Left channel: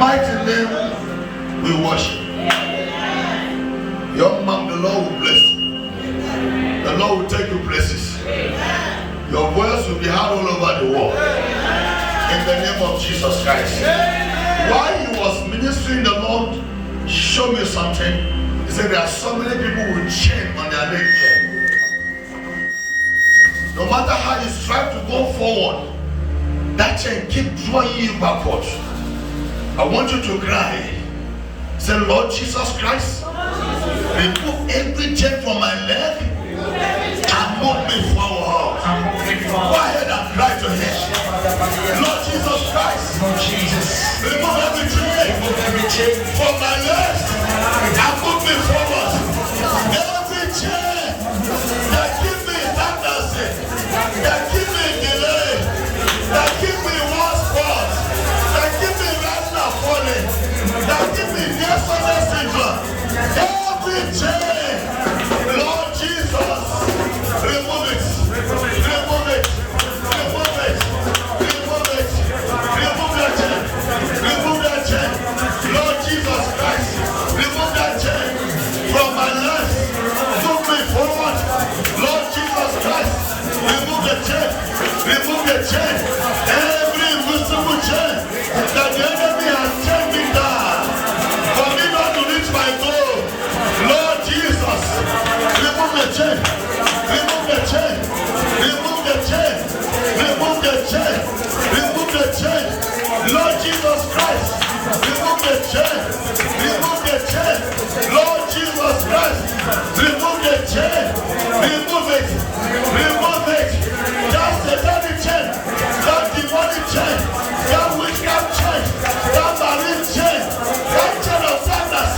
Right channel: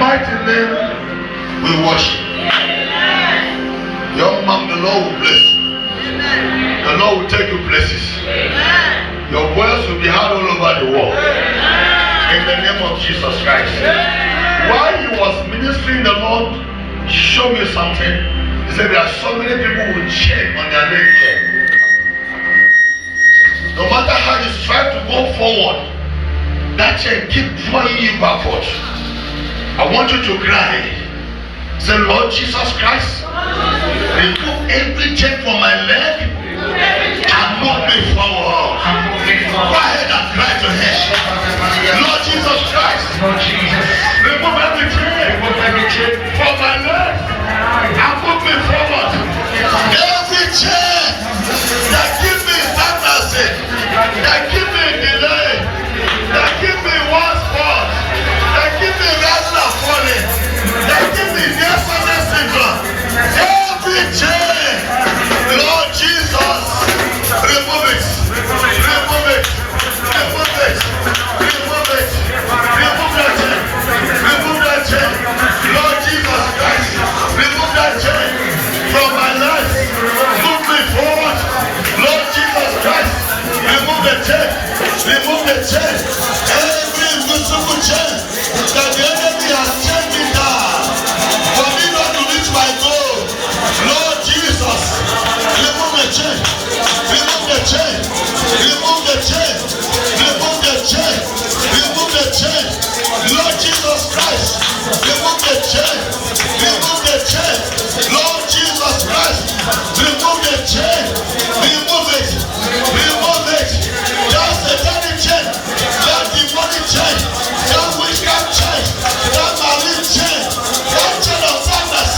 mighty name we worship. Young man, the Lord will bless you. The Lord will take you places. Your voice will be heard all over the world. In the name of Jesus Christ. While he was ministering, the Lord showed me something. He said there are so many people who chain on their leg. No matter how you strive to go forward, that chain keep drawing you backwards. I want you to cry. Say, Lord Jesus Christ, remove every chain from my leg and move me forward. Go ahead and cry to him. Lord Jesus Christ, remove every chain from my legs and move me forward. Every chain that gives me stagnancy, that gives me delay, that gives me one spot, that gives me rising and falling, that gives me near success syndrome. Every chain, Lord Jesus, remove it, remove it, remove it, remove it, remove that chain, remove that chain. Lord Jesus Christ, remove that chain from my life, move me forward. Lord Jesus Christ, remove the chain, remove the chain, every invisible chain that the enemy has chained me down for me not to reach my goal. Lord Jesus, remove the chain, remove the chain, remove the chain, remove the chain, remove the chain. Lord Jesus Christ, remove the chain, remove the chain. Lord Jesus Christ, remove the chain, remove it, remove it. That satanic chain, that demonic chain, that witchcraft chain, that marine chain, that chain of sadness,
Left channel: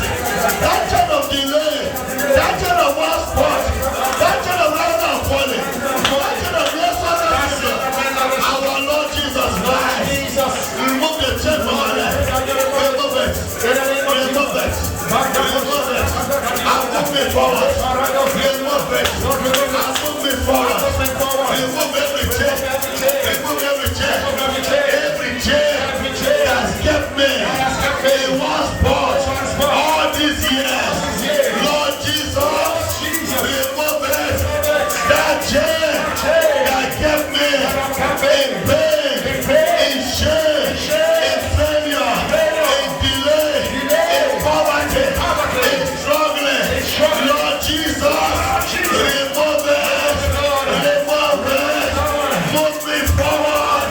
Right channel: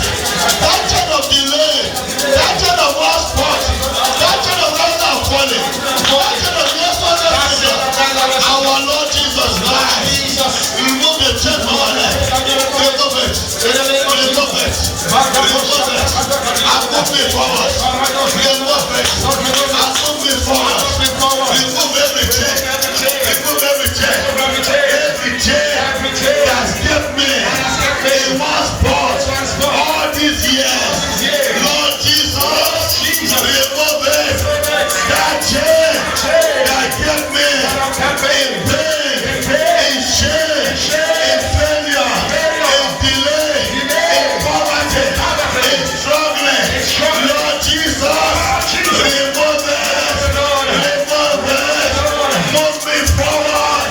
that chain of delay, that chain of one spot, that chain of rising and falling, that chain of yes, our Lord Jesus Christ, remove the chain from our life, remove it, remove it, remove it, and move me forward, remove it, and move me forward, remove every chain, remove every chain, every chain has kept me in one spot all these years. Lord Jesus, remove it, that chain that kept me in pain, in shame, in failure, in delay, in poverty, in struggling. Lord Jesus, remove it, remove it, move me forward.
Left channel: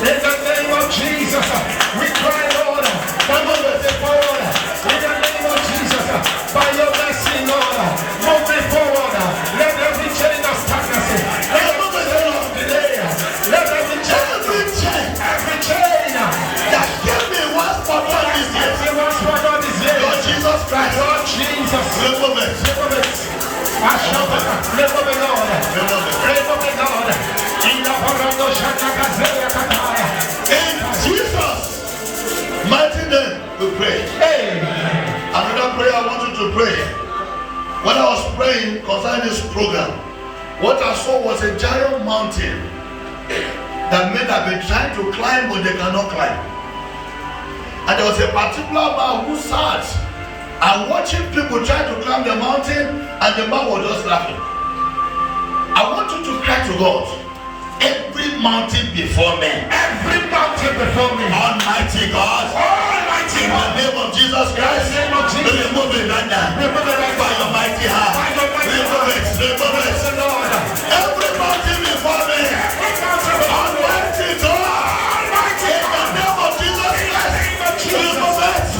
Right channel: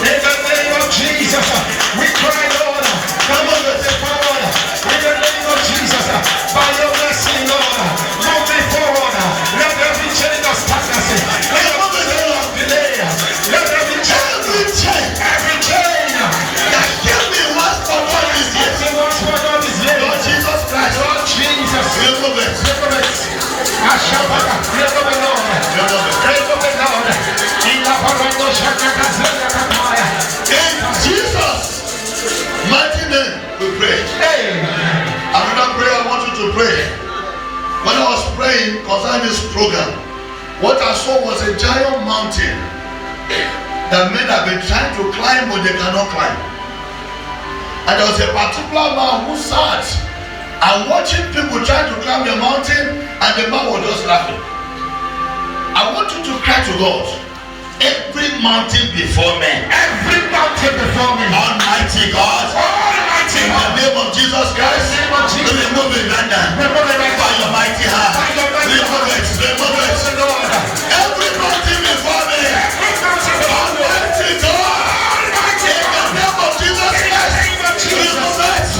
In the name of Jesus, we cry, Lord, remove it forward. In the name of Jesus, by your mercy, Lord, move me forward. Let every chain of stagnancy, let every chain of delay, let every chain That gave me one spot all these years. Lord Jesus Christ, Lord Jesus, remove it. remove it. I shall remove it, Lord. Remove it, Lord. In the Parado Shakakazela Kataya. In Jesus' mighty name we pray. Another prayer I want you to pray. When I was praying concerning this program, what I saw was a giant mountain that men have been trying to climb but they cannot climb. And there was a particular man who sat and watching people trying to climb the mountain, and the man was just laughing. I want you to cry to God. Every mountain before me, Every mountain before me, Almighty God, Almighty in the God, name of Jesus Christ, remove it right now. By your mighty hand, remove it, remove it. Every mountain before me, Almighty God, in the name of Jesus Christ, remove it.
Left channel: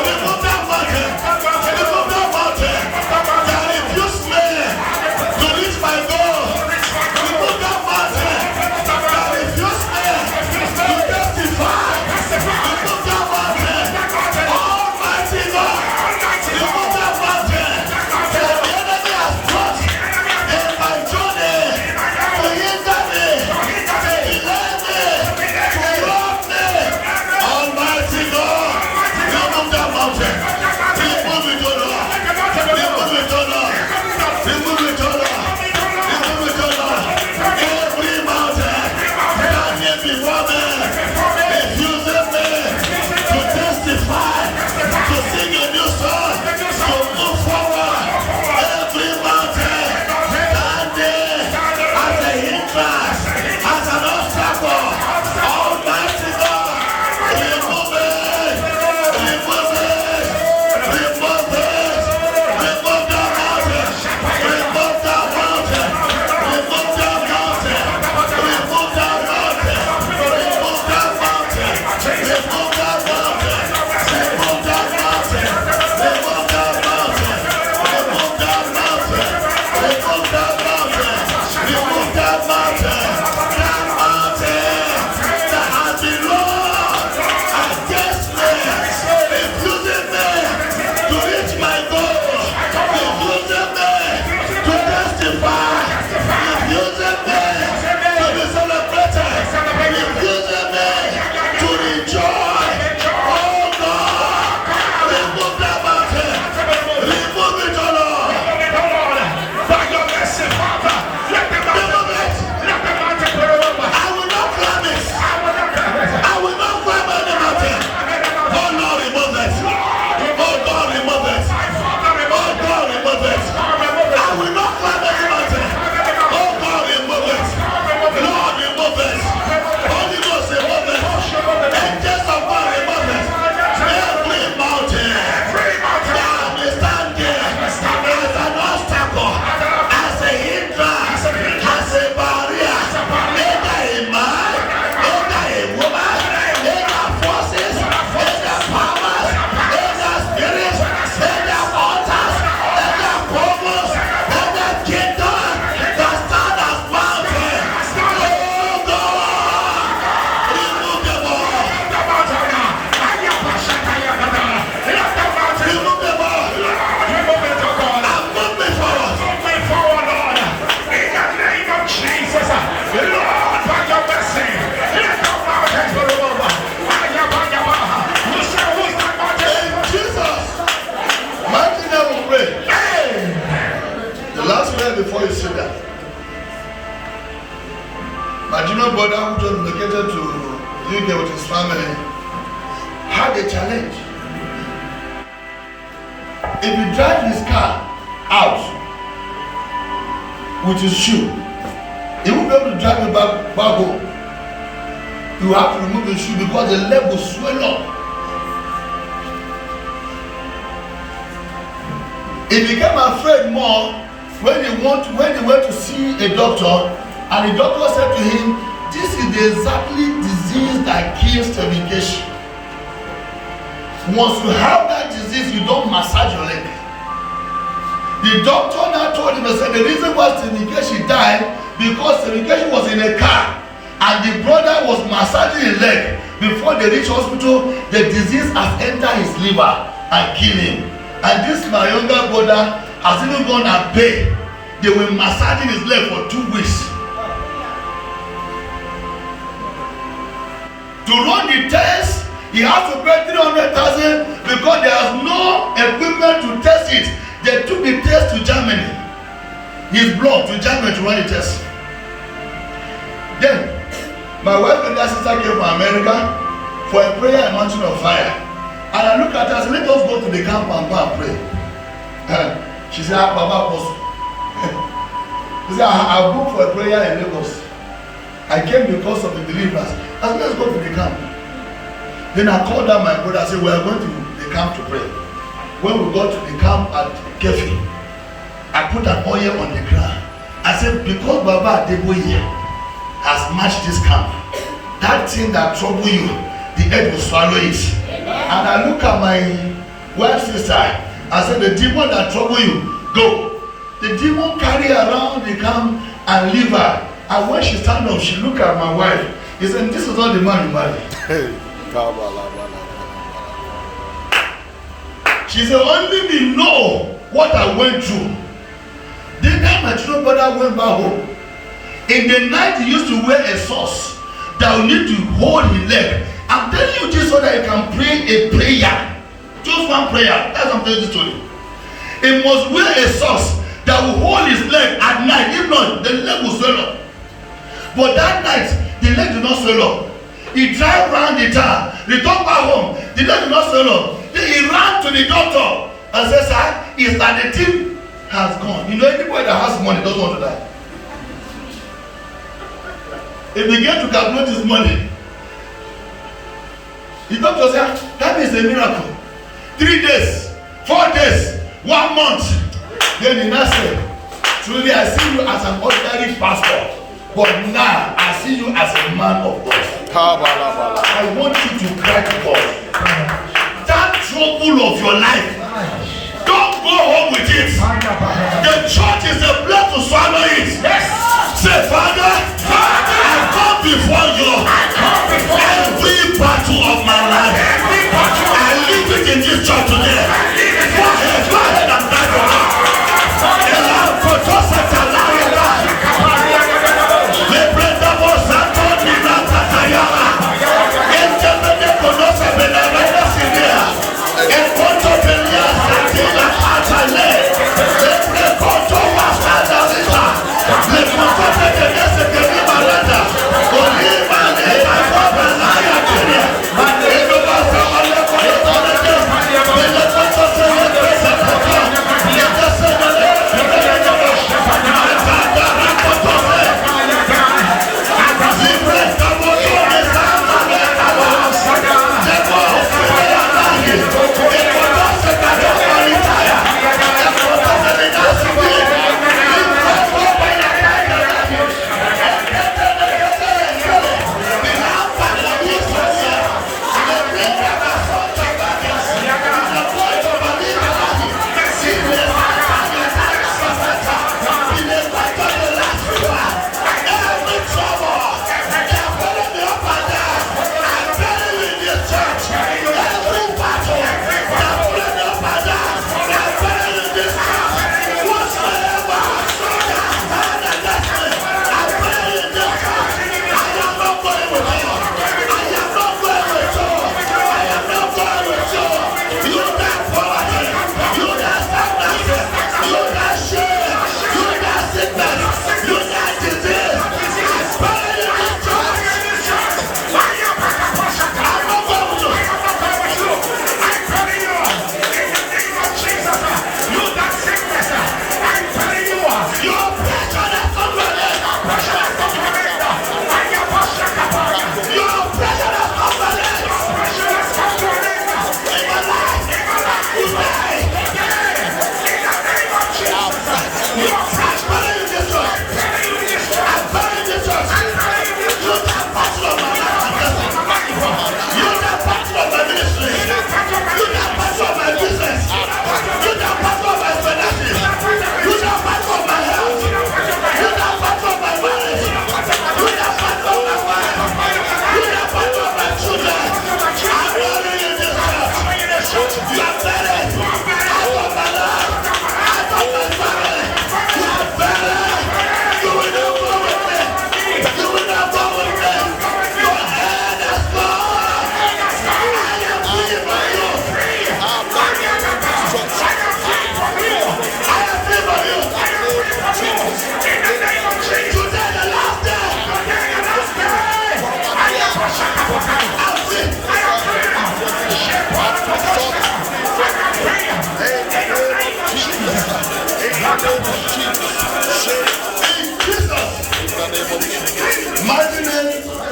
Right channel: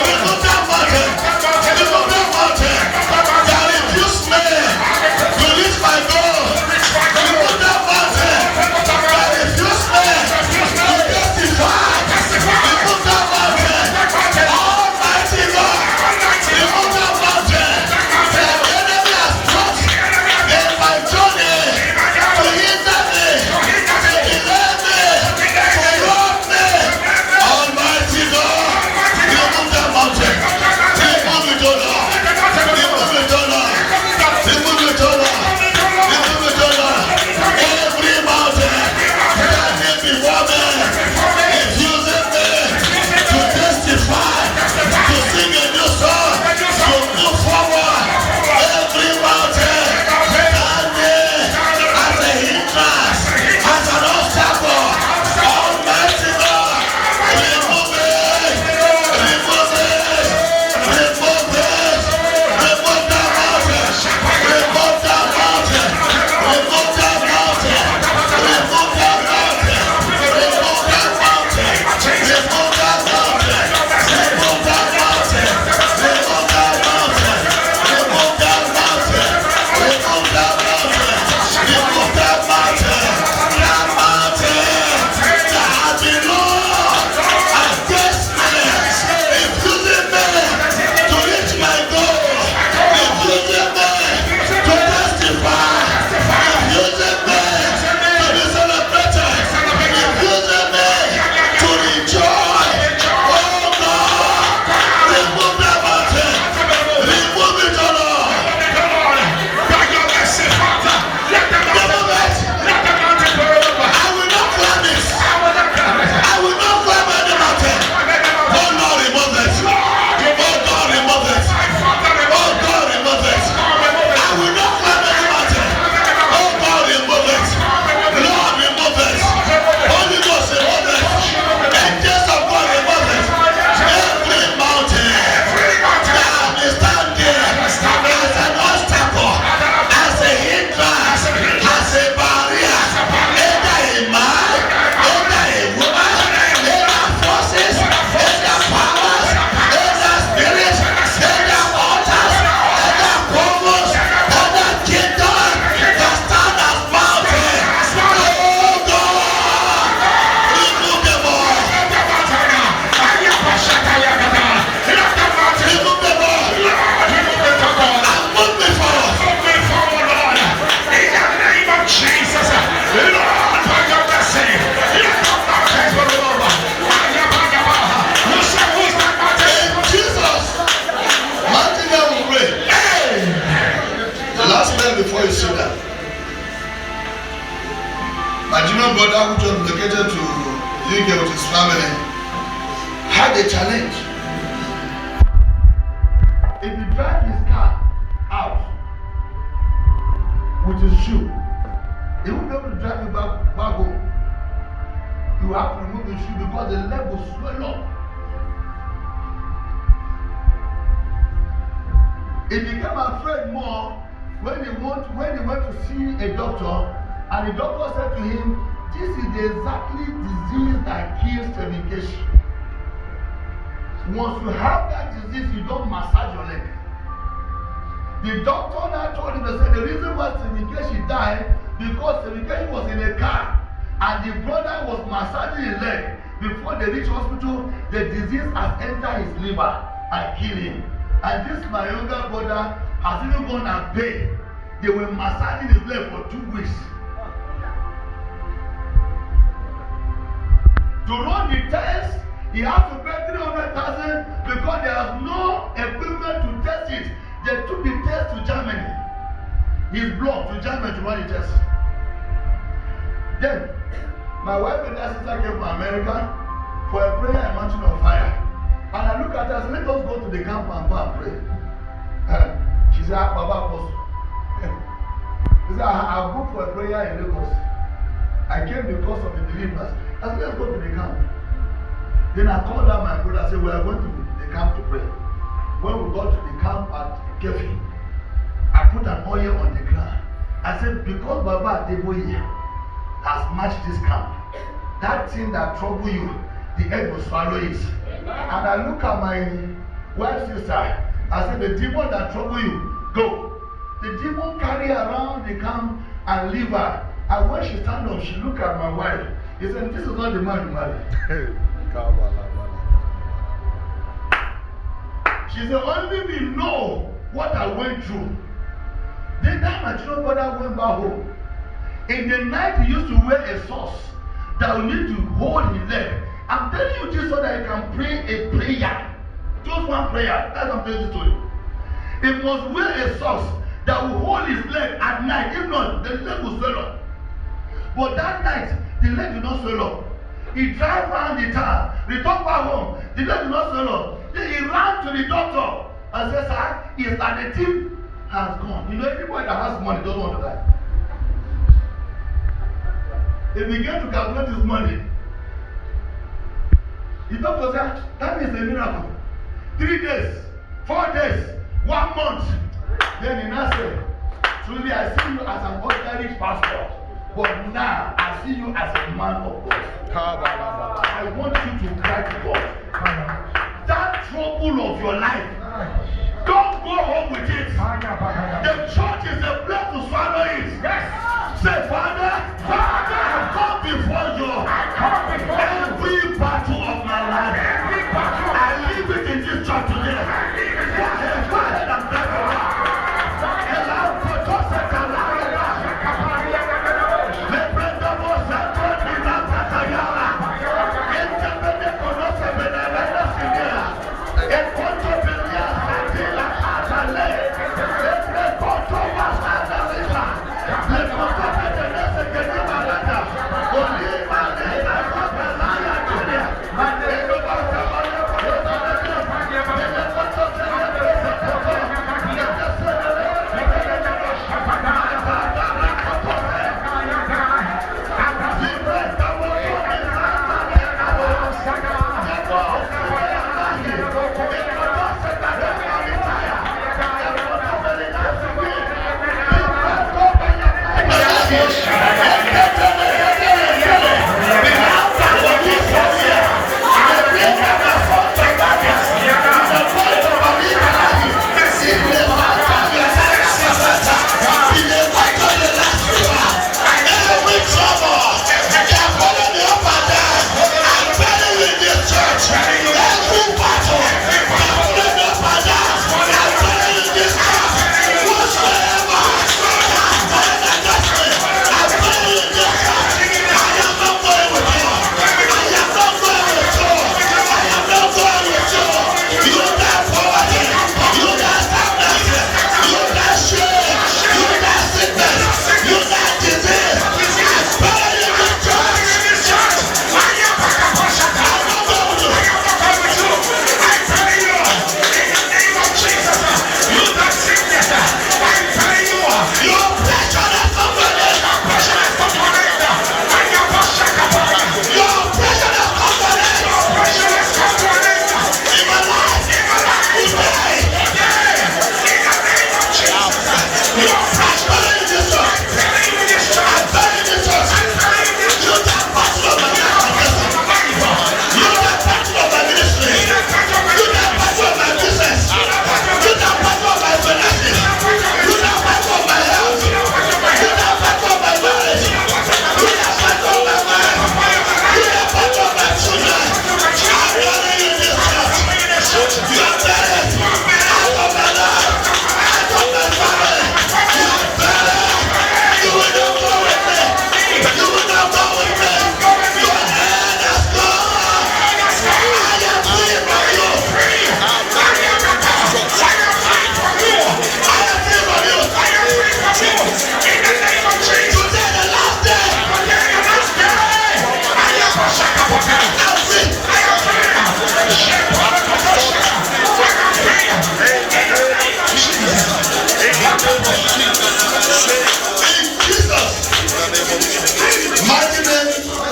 Remove that mountain. Remove that mountain that refused me to reach my goal. Remove that mountain that refused me to testify. Remove that mountain. Almighty God, remove that mountain. prayer before you sit down. My junior brother who just relocated to UK with his family had a challenge. If you drive his car out with his shoe, he won't be able to drive it back home. You have to remove the shoe because the leg will swell up. He became afraid more when he went to see a doctor, and the doctor said to him, this is the exactly disease that kills certification. Once you have that disease, you don't massage your leg. The doctor now told him, I said, the reason why certification died because certification was in a car and the brother was massaging his leg. Before they reach hospital, the disease has entered his liver and killed him. And this my younger brother has even gone and paid. They were massaging his leg for 2 weeks. To run the test, he has to pay 300,000 because there is no equipment to test it. They took the test to Germany. His blood to Germany to run the test. Then, my wife and her sister came from America for a prayer in Mountain of Fire. And I look at her and said, let us go to the camp and go and pray. She said, Baba Apostle. She said, I booked for a prayer in Lagos. I came because of the deliverance. I said, let's go to the camp. Then I called out my brother and said, we are going to the camp to pray. When we got to the camp at Kefi, I put an oil on the ground. I said, because Baba Adeboye has matched this camp, that thing that trouble you, the earth will swallow it. And I look at my wife's sister. I said, the demon that trouble you, go. The demon carry around the camp and leave her. And when she stand up, she look at my wife. He said, this is not the man you marry. She said, only me know what I went through. The time my children brother went back home, in the night he used to wear a sauce that will need to hold his leg. I'm telling you this so that you can pray a prayer. Just one prayer. That's what I'm telling you the story. He must wear a sauce that will hold his leg at night. If not, the leg will swell up. But that night, the leg did not swell up. He drive around the town, returned back home, the leg did not swell up. Then he ran to the doctor and said, sir, is that the team has gone. You know, anybody that has money doesn't want to die. He began to calculate his money. The doctor said, that is a miracle. 3 days, 4 days, 1 month. Then he now said, truly I see you as an ordinary pastor, but now I see you as a man of God. I want you to cry to God. That trouble of your life, don't go home with it. The church is a place to swallow it. Yes. Say, Father, I come before you. Every battle of my life, I leave it in this church today. Go ahead and thank God.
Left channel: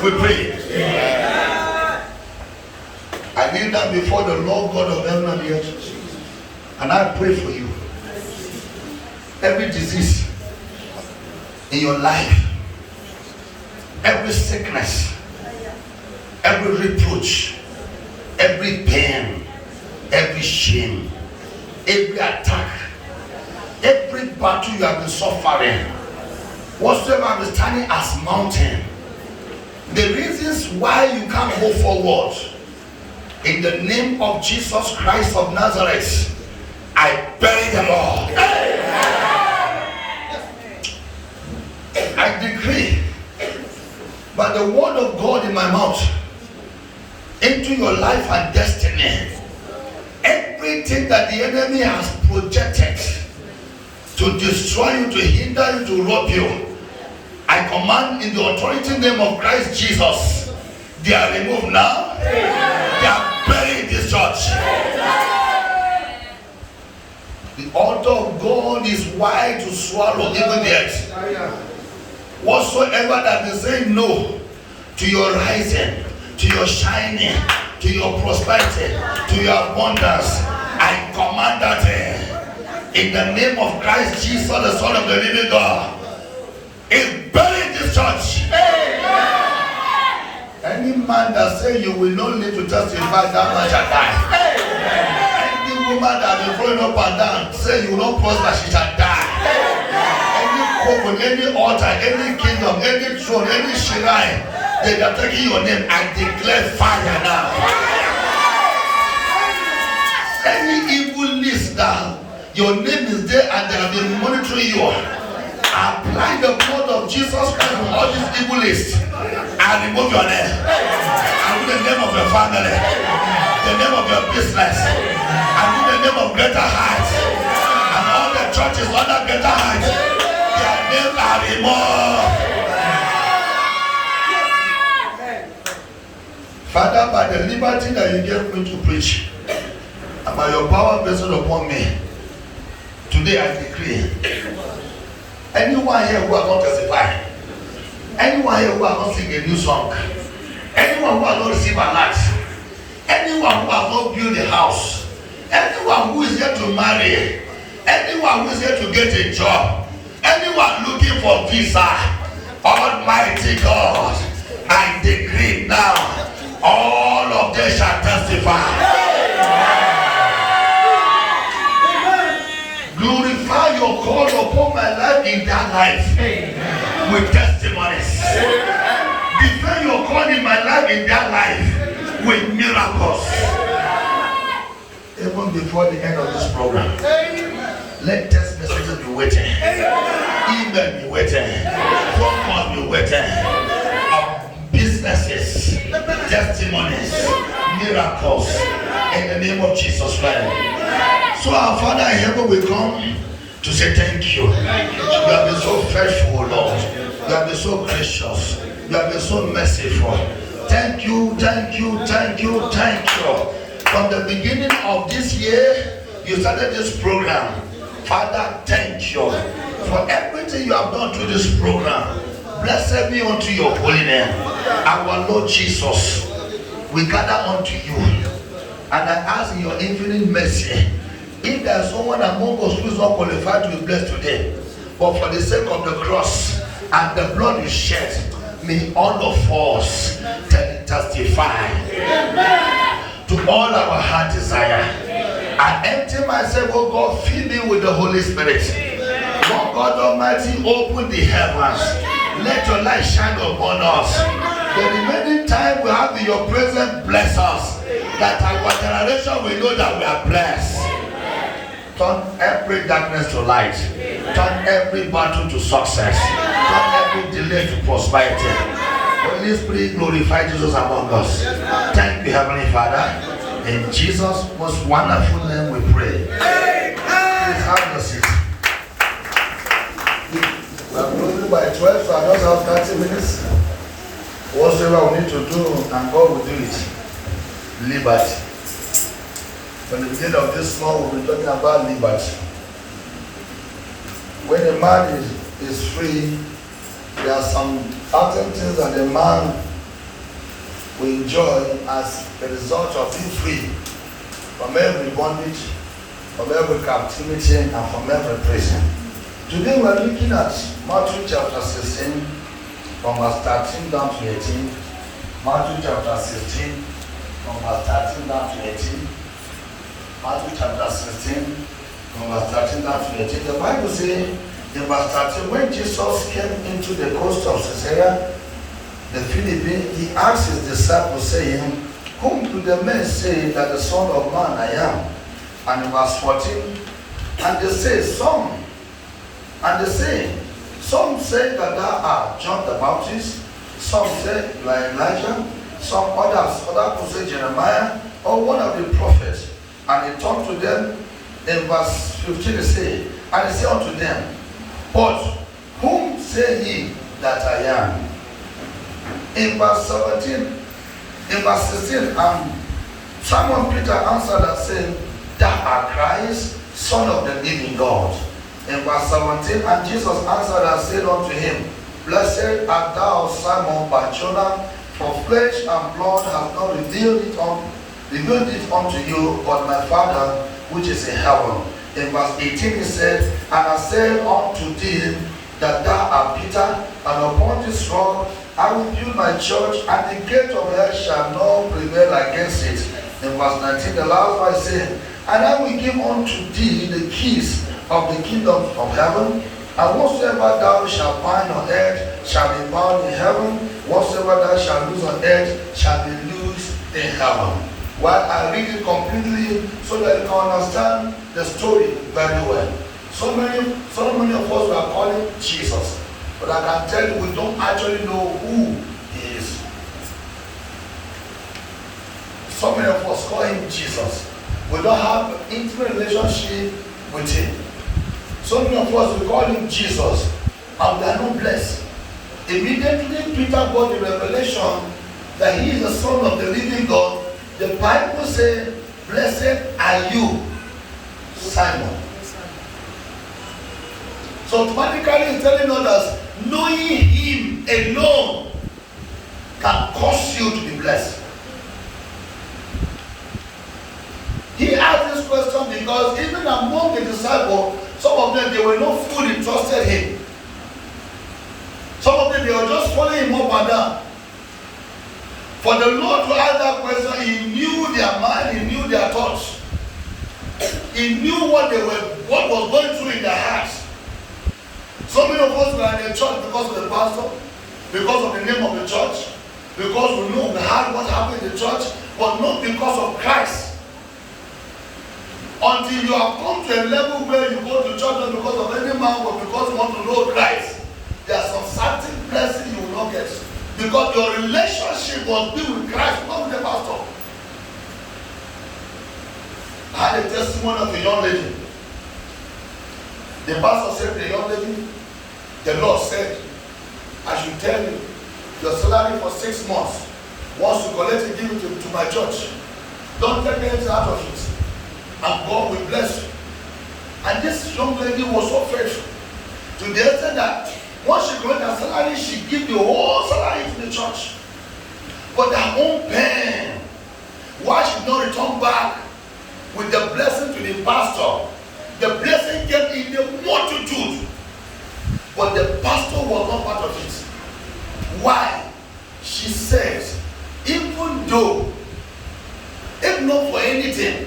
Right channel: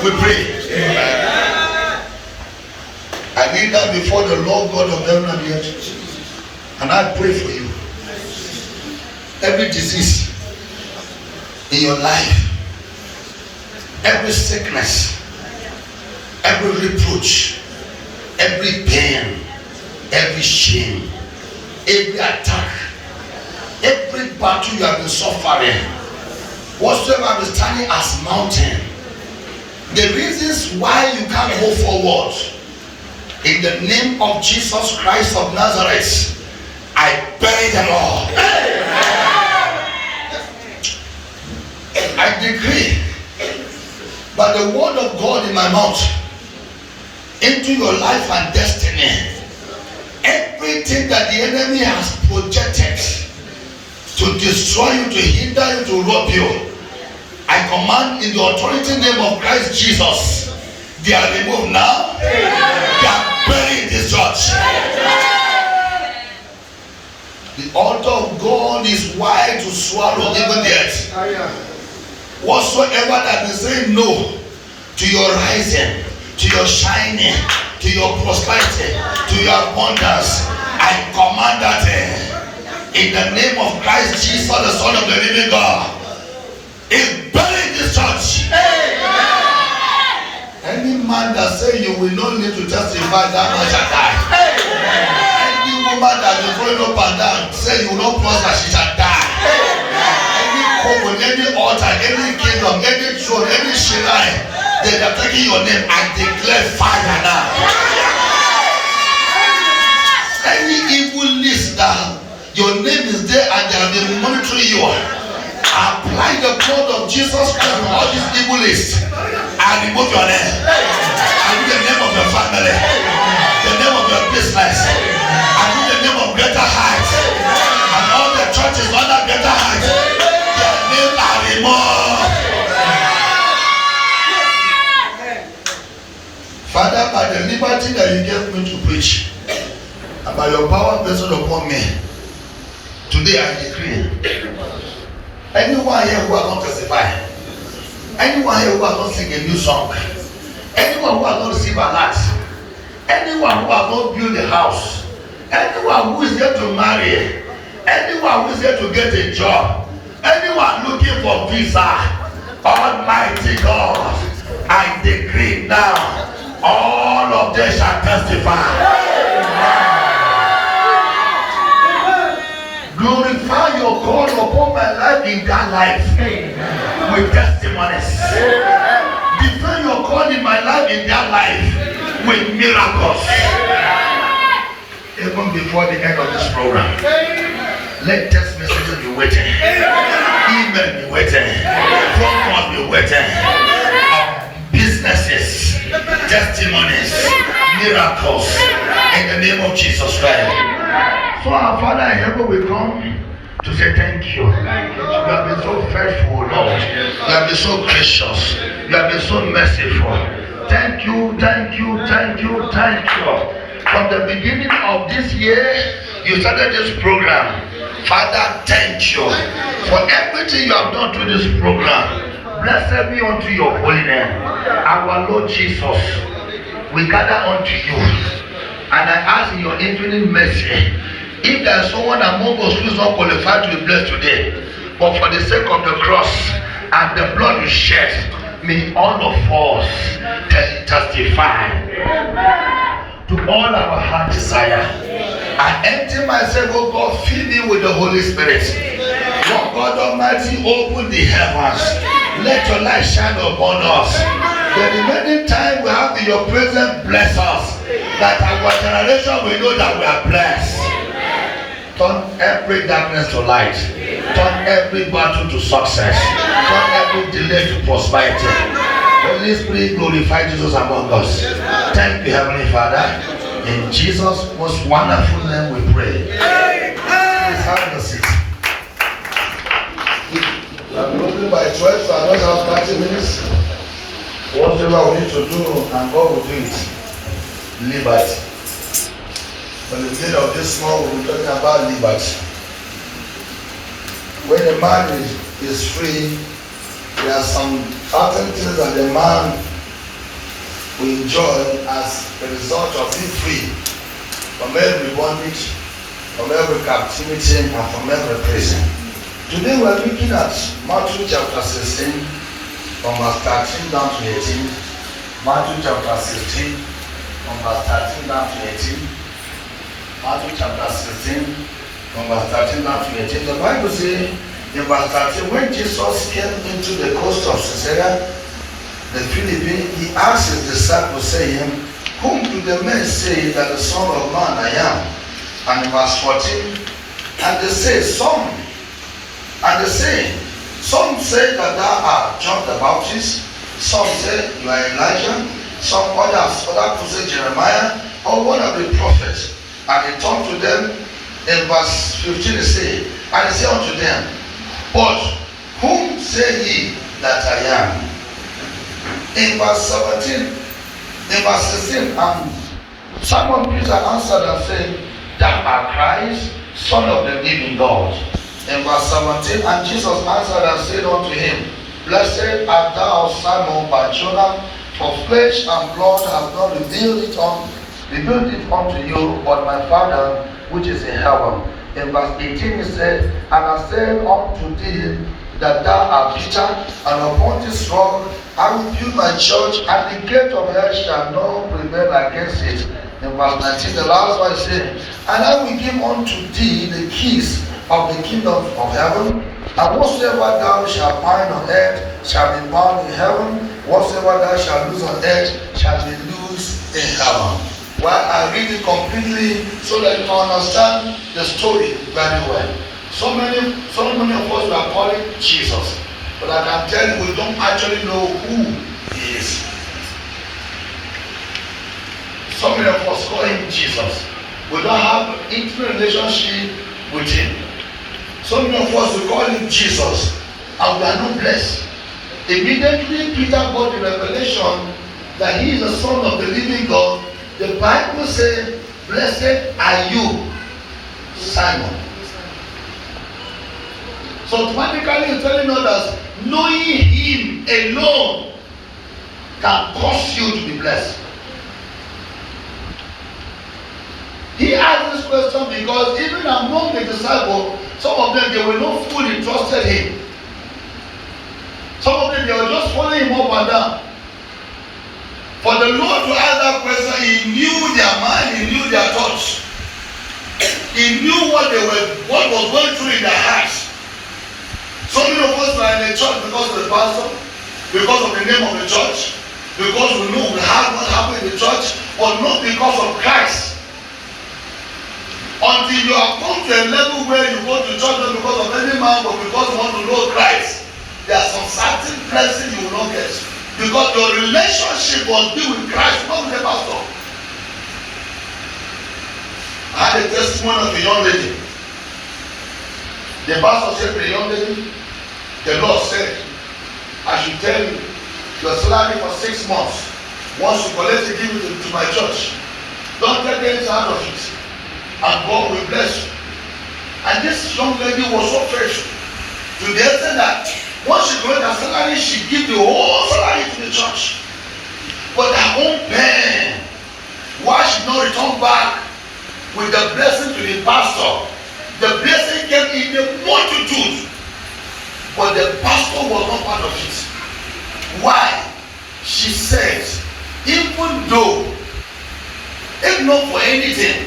We pray. I need that before the Lord God of heaven and the earth. And I pray for you. Every disease in your life, every sickness, every reproach, every pain, every shame, every attack, every battle you have been suffering, whatsoever is standing as mountain, the reasons why you can't go forward, in the name of Jesus Christ of Nazareth, I bury them all. I decree by the word of God in my mouth into your life and destiny, everything that the enemy has projected to destroy you, to hinder you, to rob you, I command in the authority name of Christ Jesus, they are removed now. They are buried in this church. The altar of God is wide to swallow even the earth. Whatsoever that is saying no to your rising, to your shining, to your prosperity, to your abundance, I command that in the name of Christ Jesus, the Son of the living God, is buried in this church. Any man that say you will not need to testify, that man shall die. Any woman that is going up and down, say you will not prosper, she shall die. Any coven, any altar, any kingdom, any throne, any shrine, they are taking your name. I declare fire now. Any evil list that your name is there and they have been monitoring you, apply the blood of Jesus Christ on all these evil lists and remove your name. And the name of your family, the name of your business, and the name of Greater Height, and all the churches under Greater Height, their names are removed. Father, by the liberty that you gave me to preach, and by your power vested upon me, today I decree, anyone here who has not testified, anyone here who has not sing a new song, anyone who has not received a lot, anyone who has not built a house, anyone who is here to marry, anyone who is here to get a job, anyone looking for visa, Almighty God, I decree now, all of them shall testify. Glorify your God upon my life in that life. Amen. With testimonies. Defend your God in my life in that life with miracles. Even before the end of this program, let text messages be waiting, email be waiting, phone calls be waiting, businesses, testimonies, miracles in the name of Jesus Christ. So our Father in heaven will come to say thank you. You have been so faithful, Lord. You have been so gracious. You have been so merciful. Thank you, thank you, thank you, thank you. From the beginning of this year, you started this program. Father, thank you for everything you have done through this program. Blessed be unto your holy name. Our Lord Jesus, we gather unto you. And I ask in your infinite mercy, if there is someone among us who is not qualified to be blessed today, but for the sake of the cross and the blood you shed, may all of us testify to all our heart desire. I empty myself, oh God, fill me with the Holy Spirit. Lord God Almighty, open the heavens. Let your light shine upon us. The remaining time we have in your presence, bless us. That our generation will know that we are blessed. Turn every darkness to light. Turn every battle to success. Turn every delay to prosperity. Holy Spirit, glorify Jesus among us. Thank you, Heavenly Father. In Jesus' most wonderful name we pray. Please have a seat. I'm closing by 12, so I don't have 30 minutes. Whatever we need to do, and God will do it. Liberty. From the beginning of this month, we'll be talking about liberty. When a man is free, there are some certain things that the man we enjoy as a result of being free from every bondage, from every captivity, and from every prison. Today we are looking at Matthew chapter 16, from verse 13 down to 18. Matthew chapter 16, from verse 13 down to 18. Matthew chapter 16, from verse 13 down to 18. The Bible says in verse 13, when Jesus came into the coast of Caesarea, the Philippines, he asked his disciples, saying, whom do the men say that the Son of Man I am? And in verse 14, and they say, some say that thou art John the Baptist, some say you are Elijah, some other people say Jeremiah, or one of the prophets. And he turned to them in verse 15, he said, and he said unto them, but whom say ye that I am? In verse 17, in verse 16, Simon Peter answered and said, thou art Christ, Son of the living God. In verse 17, and Jesus answered and said unto him, blessed art thou, Simon Bar-Jonah, for flesh and blood have not revealed it unto you, but my Father which is in heaven. In verse 18 he said, and I said unto thee that thou art Peter, and upon this rock I will build my church, and the gate of hell shall not prevail against it. In verse 19, the last one said, and I will give unto thee the keys of the kingdom of heaven, and whatsoever thou shalt bind on earth shall be bound in heaven, whatsoever thou shalt loose on earth shall be loosed in heaven. Well, I read it completely so that you can understand the story very well. So many of us are calling Jesus, but I can tell you we don't actually know who he is. So many of us call him Jesus. We don't have an intimate relationship with him. So many of us will call him Jesus, and we are not blessed. Immediately Peter got the revelation that he is the Son of the living God. The Bible says, blessed are you, Simon. So automatically it's telling us that knowing him alone can cause you to be blessed. He asked this question because even among the disciples, some of them, they were not fully trusted him. Some of them, they were just following him up and down. For the Lord to ask that question, he knew their mind, he knew their thoughts. He knew what was going through in their hearts. So many of us were in the church because of the pastor, because of the name of the church, because we know we have what happened in the church, but not because of Christ. Until you have come to a level where you go to church not because of any man, but because you want to know Christ, there are some certain blessings you will not get. Because your relationship must be with Christ, not with the pastor. I had a testimony of a young lady. The pastor said to the young lady, the Lord said, I should tell you, your salary for 6 months, once you collect it, give it to my church. Don't take anything out of it. And God will bless you. And this young lady was so faithful to the extent that once she collected her salary, she gave the whole salary to the church. But her own pain, why she did not return back with the blessing to the pastor? The blessing came in the multitude, but the pastor was not part of it. Why? She said, even though, if not for anything,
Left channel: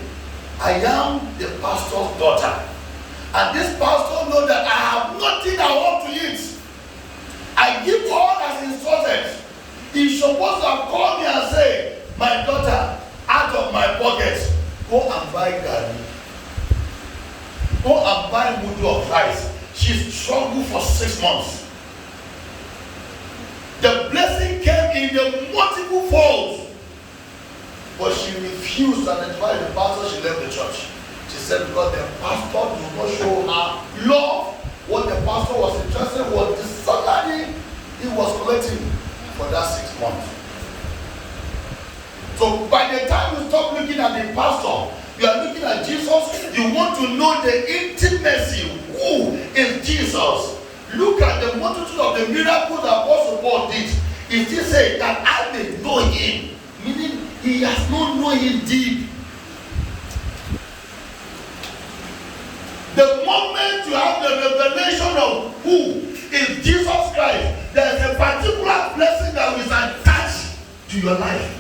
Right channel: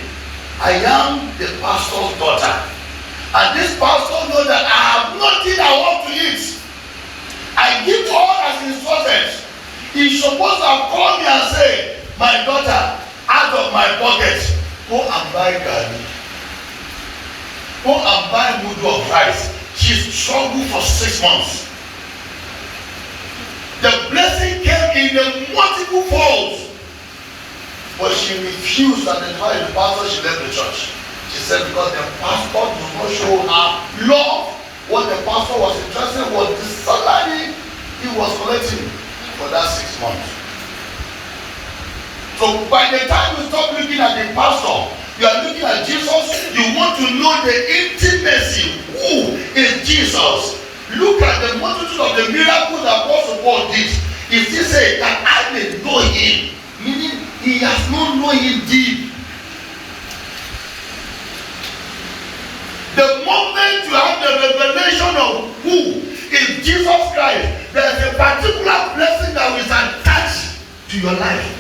I am the pastor's daughter. And this pastor knows that I have nothing I want to eat. I give all as instructed. He's supposed to have called me and say, my daughter, out of my pocket, go and buy garlic. Go and buy mudu of rice. She struggled for 6 months. The blessing came in the multiple folds. But she refused, and that's why the pastor, she left the church. She said because the pastor did not show her love. What the pastor was interested in was the salary he was collecting for that 6 months. So by the time you stop looking at the pastor, you are looking at Jesus. You want to know the intimacy. Who is Jesus? Look at the multitude of the miracles that Apostle Paul did. He still said that I may know him he has not known him deep. The moment you have the revelation of who is Jesus Christ, there is a particular blessing that is attached to your life.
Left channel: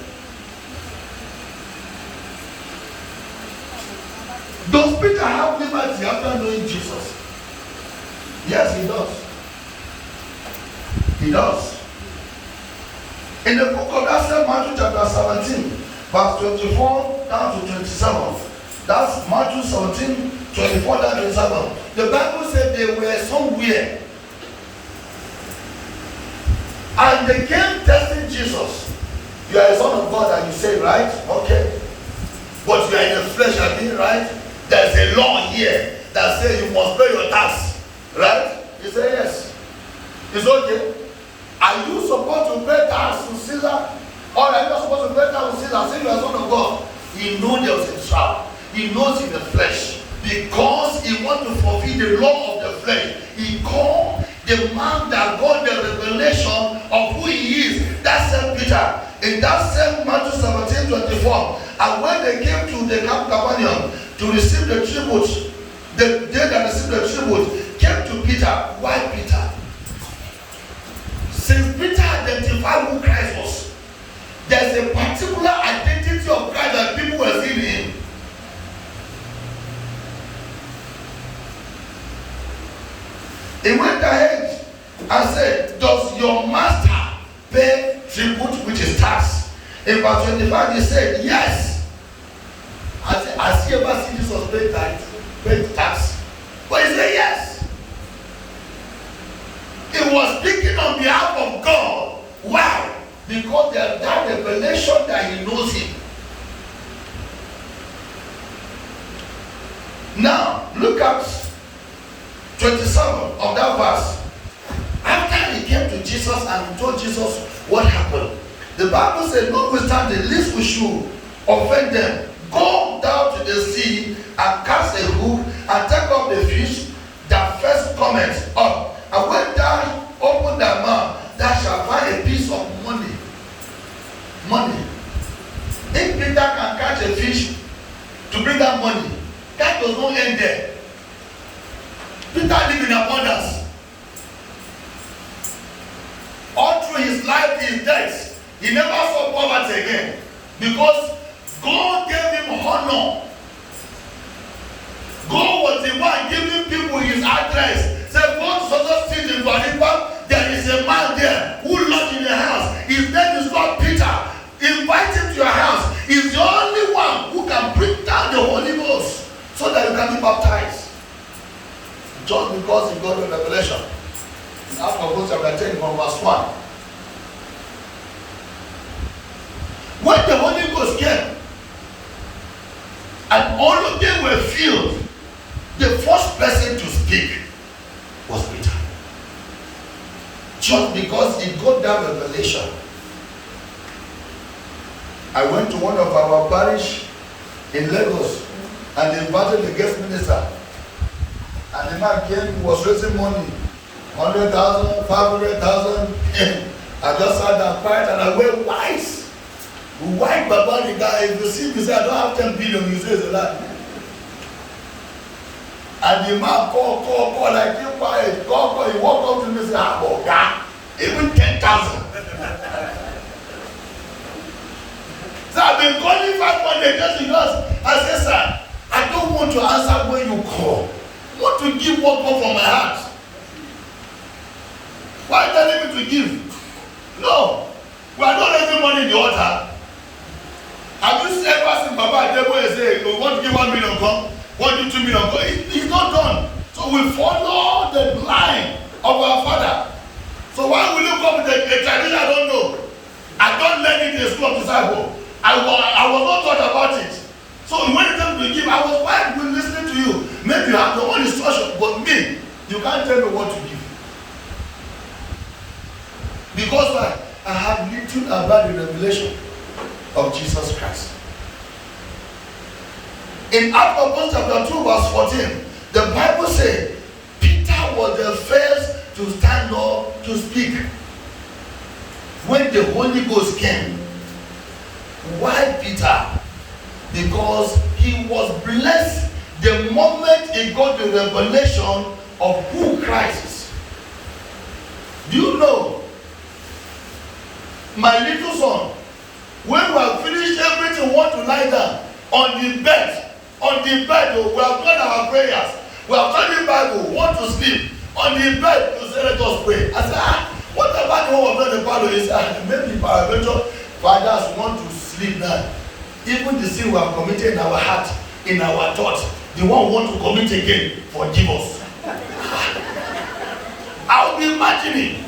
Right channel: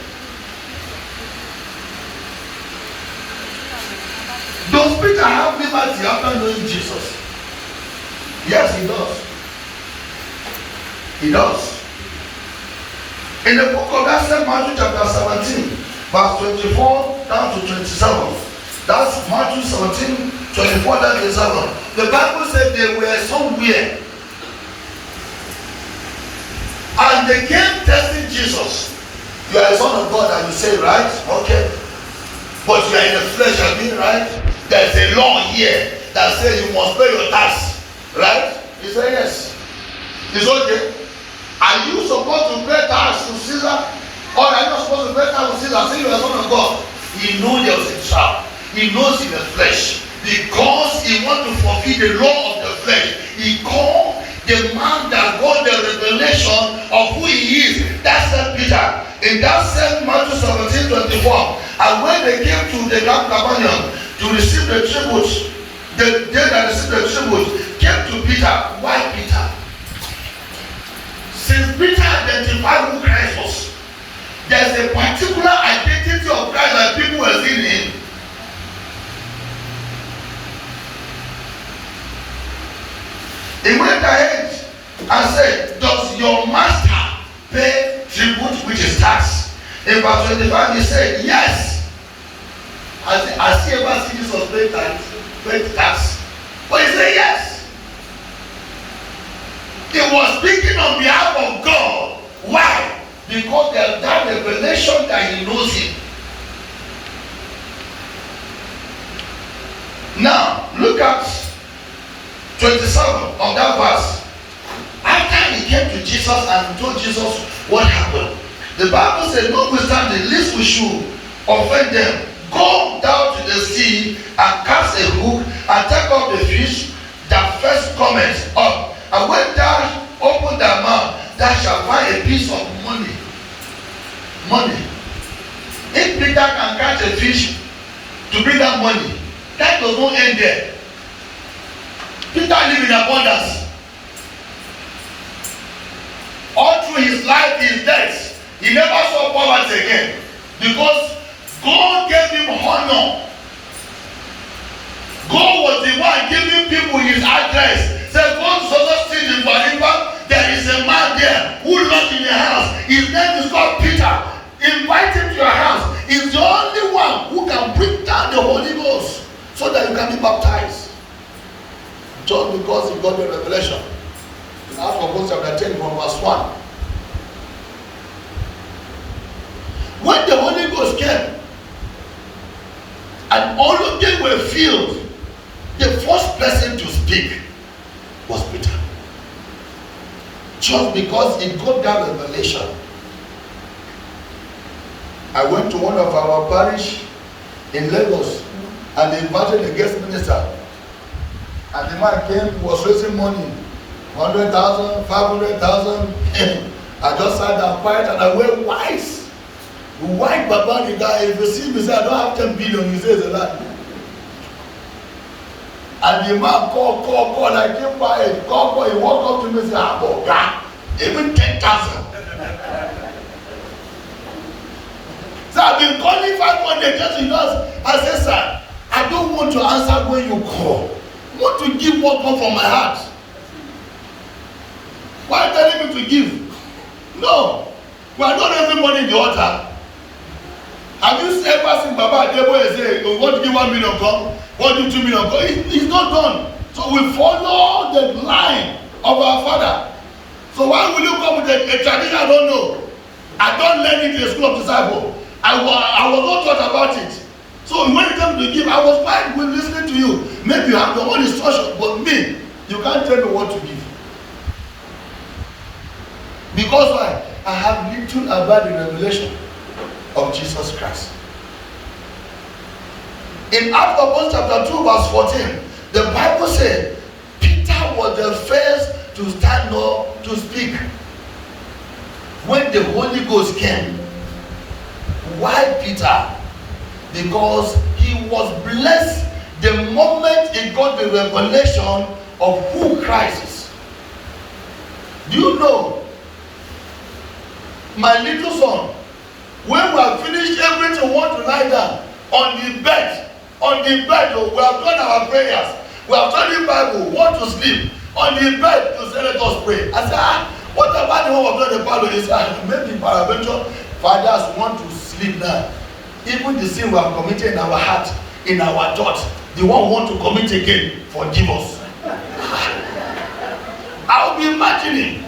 Does Peter have liberty after knowing Jesus? Yes, he does. He does. In the book of that same Matthew chapter 17, verse 24 down to 27. That's Matthew 17, 24 down to 27. The Bible said they were somewhere. And they came testing Jesus. You are a son of God and you say, right? Okay. But you are in the flesh again, right? There's a law here that says you must pay your tax. Right? He said yes. It's okay. Are you supposed to pay tax to Caesar? Or are you not supposed to pay tax to Caesar? Say you are a son of God. He knows there was a trap. He knows in the flesh. Because he wants to fulfill the law of the flesh. He called the man that got the revelation of who he is. That's Saint Peter. In that same Matthew 17:24. And when they came to the Camp Capernaum to receive the tribute, they that received the tribute came to Peter. Why Peter? Since Peter identified who Christ was, there's a particular identity of Christ that people were seeing in him. He went ahead and said, does your master pay tribute, which is tax? In verse 25, he said, yes. Has he ever seen Jesus pay tax? But he said, yes. He was speaking on behalf of God. Why? Because there's that revelation that he knows him. Now, look at 27 of that verse. After he came to Jesus and told Jesus what happened, the Bible said, notwithstanding, lest we should offend them, go down to the sea and cast a hook and take up the fish that first cometh up. And when thou open thy mouth, thou shalt find a piece of money. Money. If Peter can catch a fish to bring that money, that does not end there. Peter lived in abundance. All through his life, his death, he never saw poverty again. Because God gave him honor. God was the one giving people his address. Said, go to such street in Bariba, there is a man there who lives in the house. His name is called Peter. Invite him to your house. He's the only one who can bring down the Holy Ghost so that you can be baptized. Just because he got the revelation. In Acts of Apostles chapter 10 from verse 1. When the Holy Ghost came, and all of them were filled, the first person to speak was Peter. Just because he got that revelation. I went to one of our parish in Lagos and they invited the guest minister. And the man came, was raising money, 100,000, 500,000. I just sat down quiet and I went wise. White Baba, the guy, if you see me, say, I don't have 10 billion, he says a lot. And the man called, I came quiet, call, he walked up to me and said, God, even 10,000. So I've been calling 500 just because I said, sir, I don't want to answer when you call. I want to give what comes from my heart. Why are you telling me to give? No. We are not raising money in the altar. Have you ever seen Baba Adebo say, you want to give 1 million come? Want to do 2 million come? It's not done. So we follow the line of our father. So why will you come with a tradition I don't know? I don't learn it in the school of disciple. I was not taught about it. So when it comes to give, I was fine with listening to you. Maybe you have your own instruction, but me, you can't tell me what to give. Because I have little about the revelation of Jesus Christ. In Acts of Apostles chapter 2 verse 14, the Bible says Peter was the first to stand up to speak. When the Holy Ghost came, Why Peter? Because he was blessed the moment he got the revelation of who Christ is. Do you know, my little son, when we have finished everything, we want to lie down on the bed, we have done our prayers, we have studied the Bible, want to sleep, on the bed, you say, let us pray. I said, what about the one of the Bible? He said, maybe paraventure fathers want to sleep now. Even the sin we have committed in our heart, in our thought, the one who want to commit again, forgive us. I'll be imagining.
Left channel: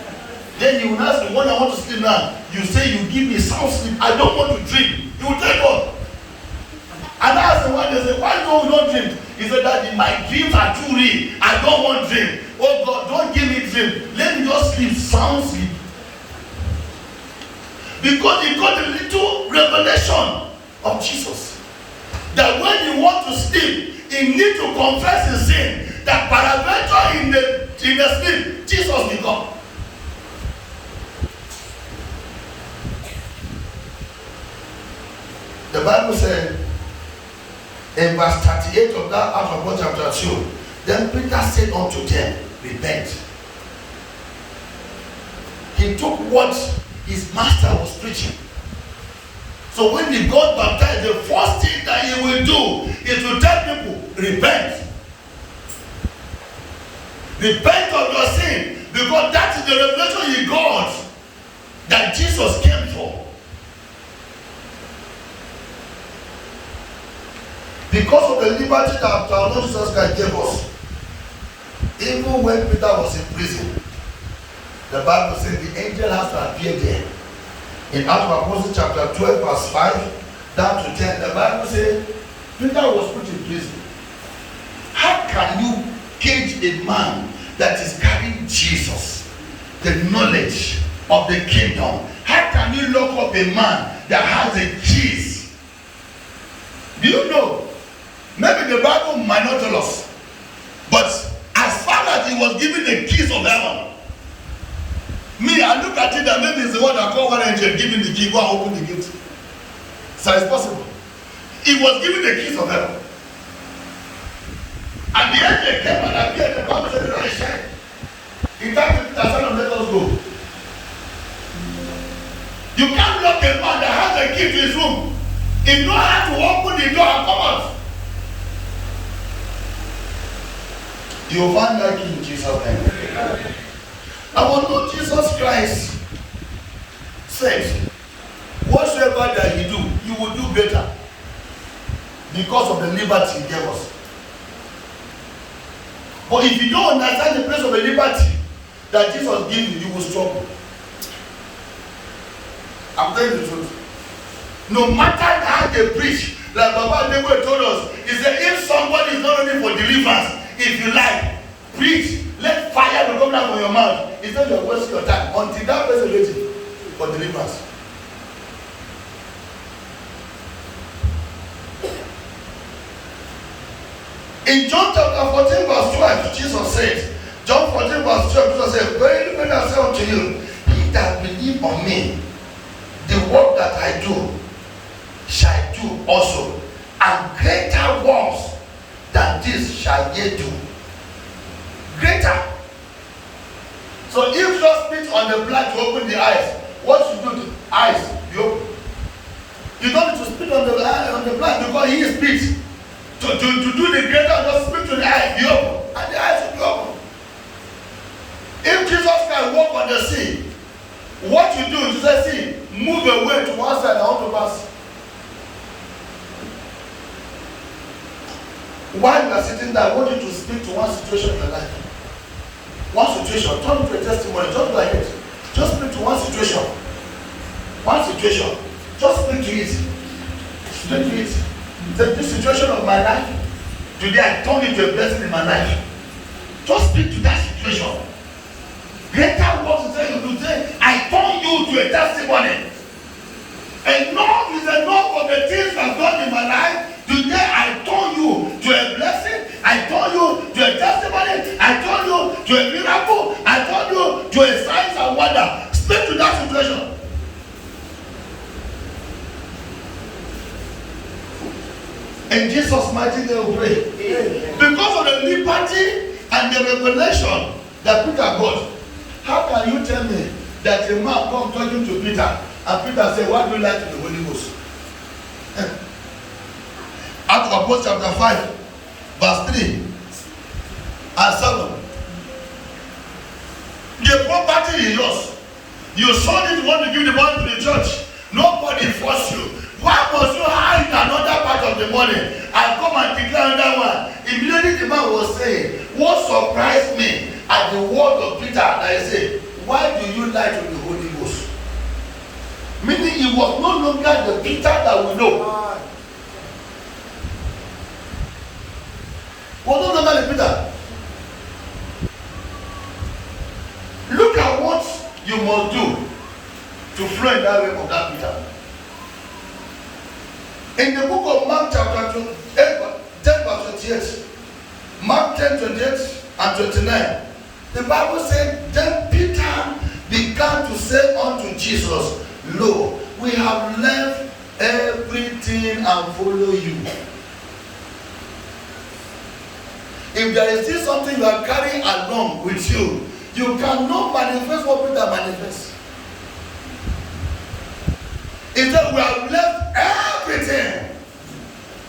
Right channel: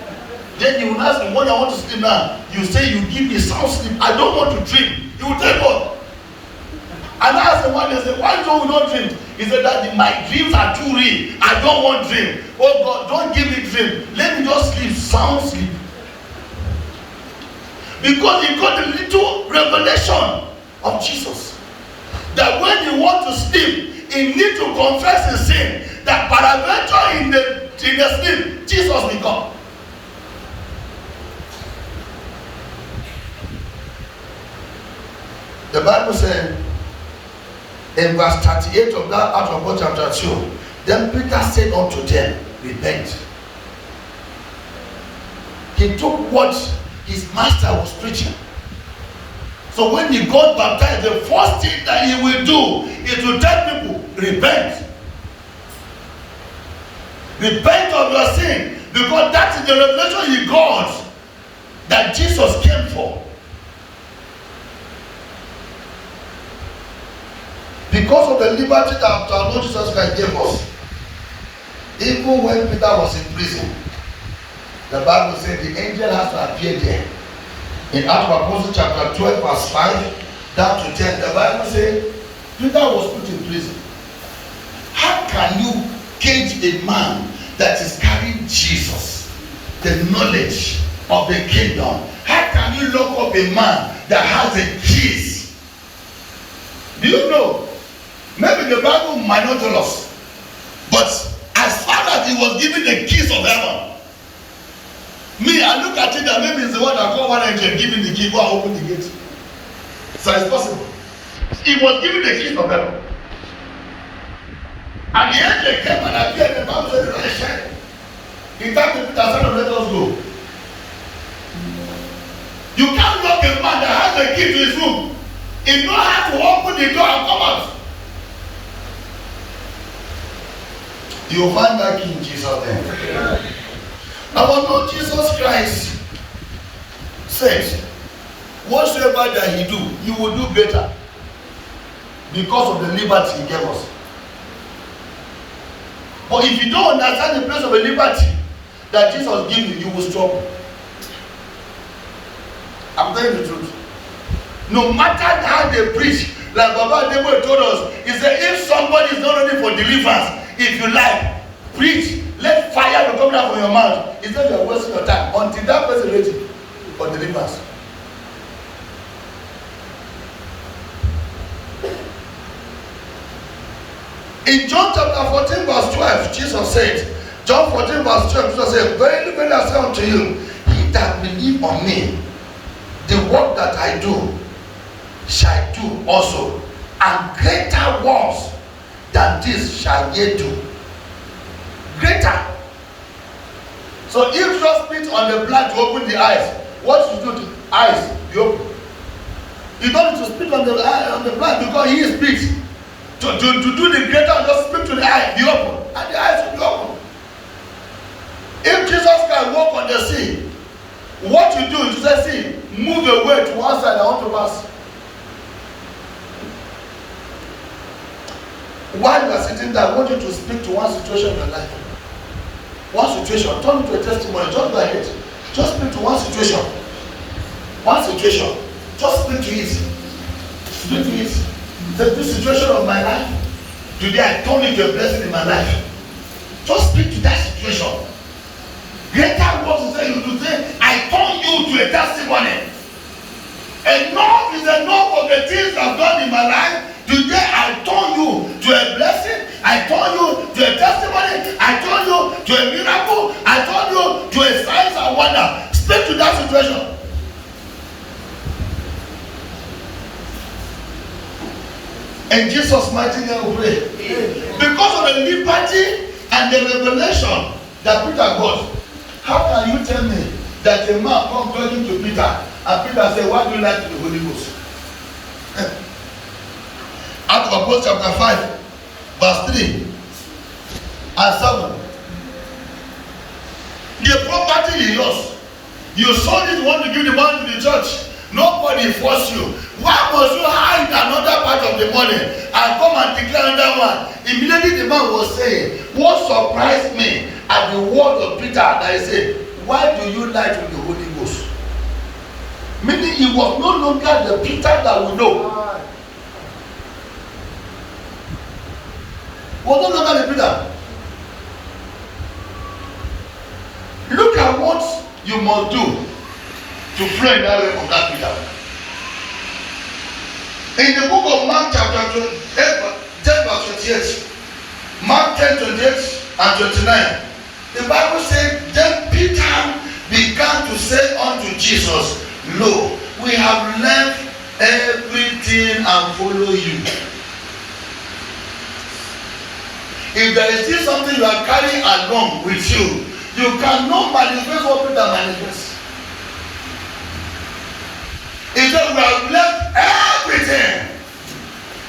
Then you will ask me, when I want to sleep now, you say you give me sound sleep. I don't want to dream. You will tell God. And I asked him one day, say, why do you not dream? He said that my dreams are too real. I don't want dream. Oh God, don't give me dream. Let me just sleep, sound sleep. Because he got a little revelation of Jesus. That when he wants to sleep, he needs to confess his sin. That paraventure in the sleep, Jesus will come. The Bible said in verse 38 of that out of God chapter 2, then Peter said unto them, repent. He took what his master was preaching. So when he got baptized, the first thing that he will do is to tell people, repent. Repent of your sin, because that is the revelation he got that Jesus came for. Because of the liberty that our Lord Jesus Christ gave us, even when Peter was in prison, the Bible said the angel has to appear there. In Acts of Apostles chapter 12 verse 5 down to 10, the Bible said Peter was put in prison. How can you cage a man that is carrying Jesus, the knowledge of the kingdom? How can you lock up a man that has the keys? Do you know? Maybe the Bible might not tell us, but as far as he was given the keys of heaven, me, I look at it and maybe it's the one that called one angel and give him the key, go and open the gate. So it's possible. He was given the keys of heaven. And the angel came and appeared and the Bible said, "I shine." He thanked the Son, let us go. You can't lock a man that has the key to his room. He knows how to open the door and come out. You will find that key in Jesus' name. Our Lord Jesus Christ said, whatsoever that he do, you will do better, because of the liberty he gave us. But if you don't understand the place of the liberty that Jesus gave you, you will struggle. I'm telling you the truth. No matter how they preach, like Baba Debo told us, he said, if somebody is not ready for deliverance, if you like, preach, let fire to come down from your mouth. Instead you are wasting your time until that person is ready for deliverance. In John chapter 14 verse 12, Jesus said, John 14 verse 12, Jesus said, verily, verily I say unto you, he that believe on me, the work that I do, shall do also, and greater works than this shall ye do. Greater. So if you just spit on the blind to open the eyes, what you do to the eyes be open. You don't need to spit on the blind because he is spit. To do the greater, just spit to the eye, be open, and the eyes will be open. If Jesus Christ walk on the sea, what you do is you say, see, move away to one side, I want to pass. While you are sitting there, I want you to speak to one situation in your life. One situation, turn it to a testimony, just go ahead. Just speak to one situation. One situation. Just speak to it. Speak to it. Say, this situation of my life, today I turn it to a blessing in my life. Just speak to that situation. Greater works you say you do, say, I turn you to a testimony. Enough is enough of the things I've done in my life. Today I turn you to a blessing. I turn you to a testimony. I turn you to a miracle. I turn you to a sign and wonder. Speak to that situation. In Jesus' mighty name we pray. Because of the liberty and the revelation that Peter got, how can you tell me that a man come talking to Peter and Peter say, why do you like the Holy Ghost? Acts of Apostles chapter 5, verse 3 and 7. The property is yours. You sold it, want to give the money to the church. Nobody forced you. Why must you hide another part of the money and come and declare another one? Immediately the man was saying, what surprised me at the word of Peter that I said, why do you lie to the Holy Ghost? Meaning he was no longer the Peter that we know. Was no longer the Peter. Look at what you must do to flow in that way of that Peter. In the book of Mark chapter 10 verse 28, Mark 10, 28 and 29, the Bible said, then Peter began to say unto Jesus, lo, we have left everything and follow you. If there is still something you are carrying along with you, you cannot manifest what Peter manifests. He said, we have left everything.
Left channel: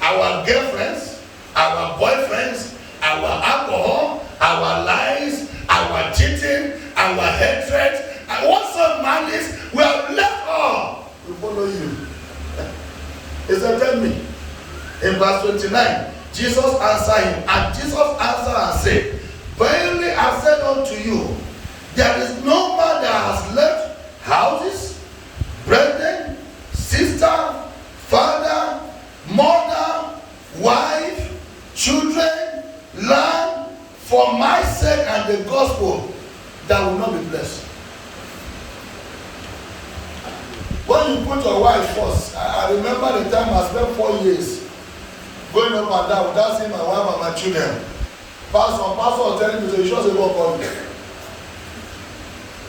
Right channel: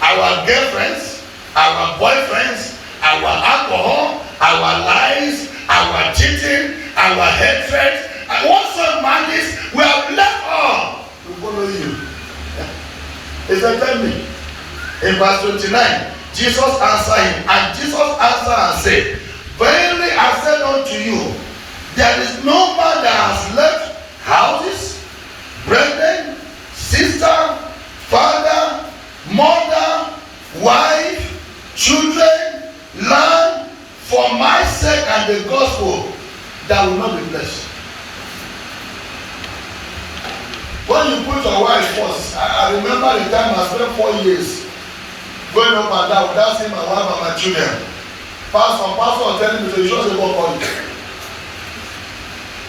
Our girlfriends, our boyfriends, our alcohol, our lies, our cheating, our hatred, and whatsoever malice, we have left all to follow you. He said, tell me. In verse 29, Jesus answered him, and Jesus answered and said, verily I said unto you, there is no man that has left houses, brethren, sister, father, mother, wife, children, land, for my sake and the gospel, that will not be blessed. When you put your wife first, I remember the time I spent 4 years going up and down without seeing my wife and my children. Pastor was telling me, you should say, what on you?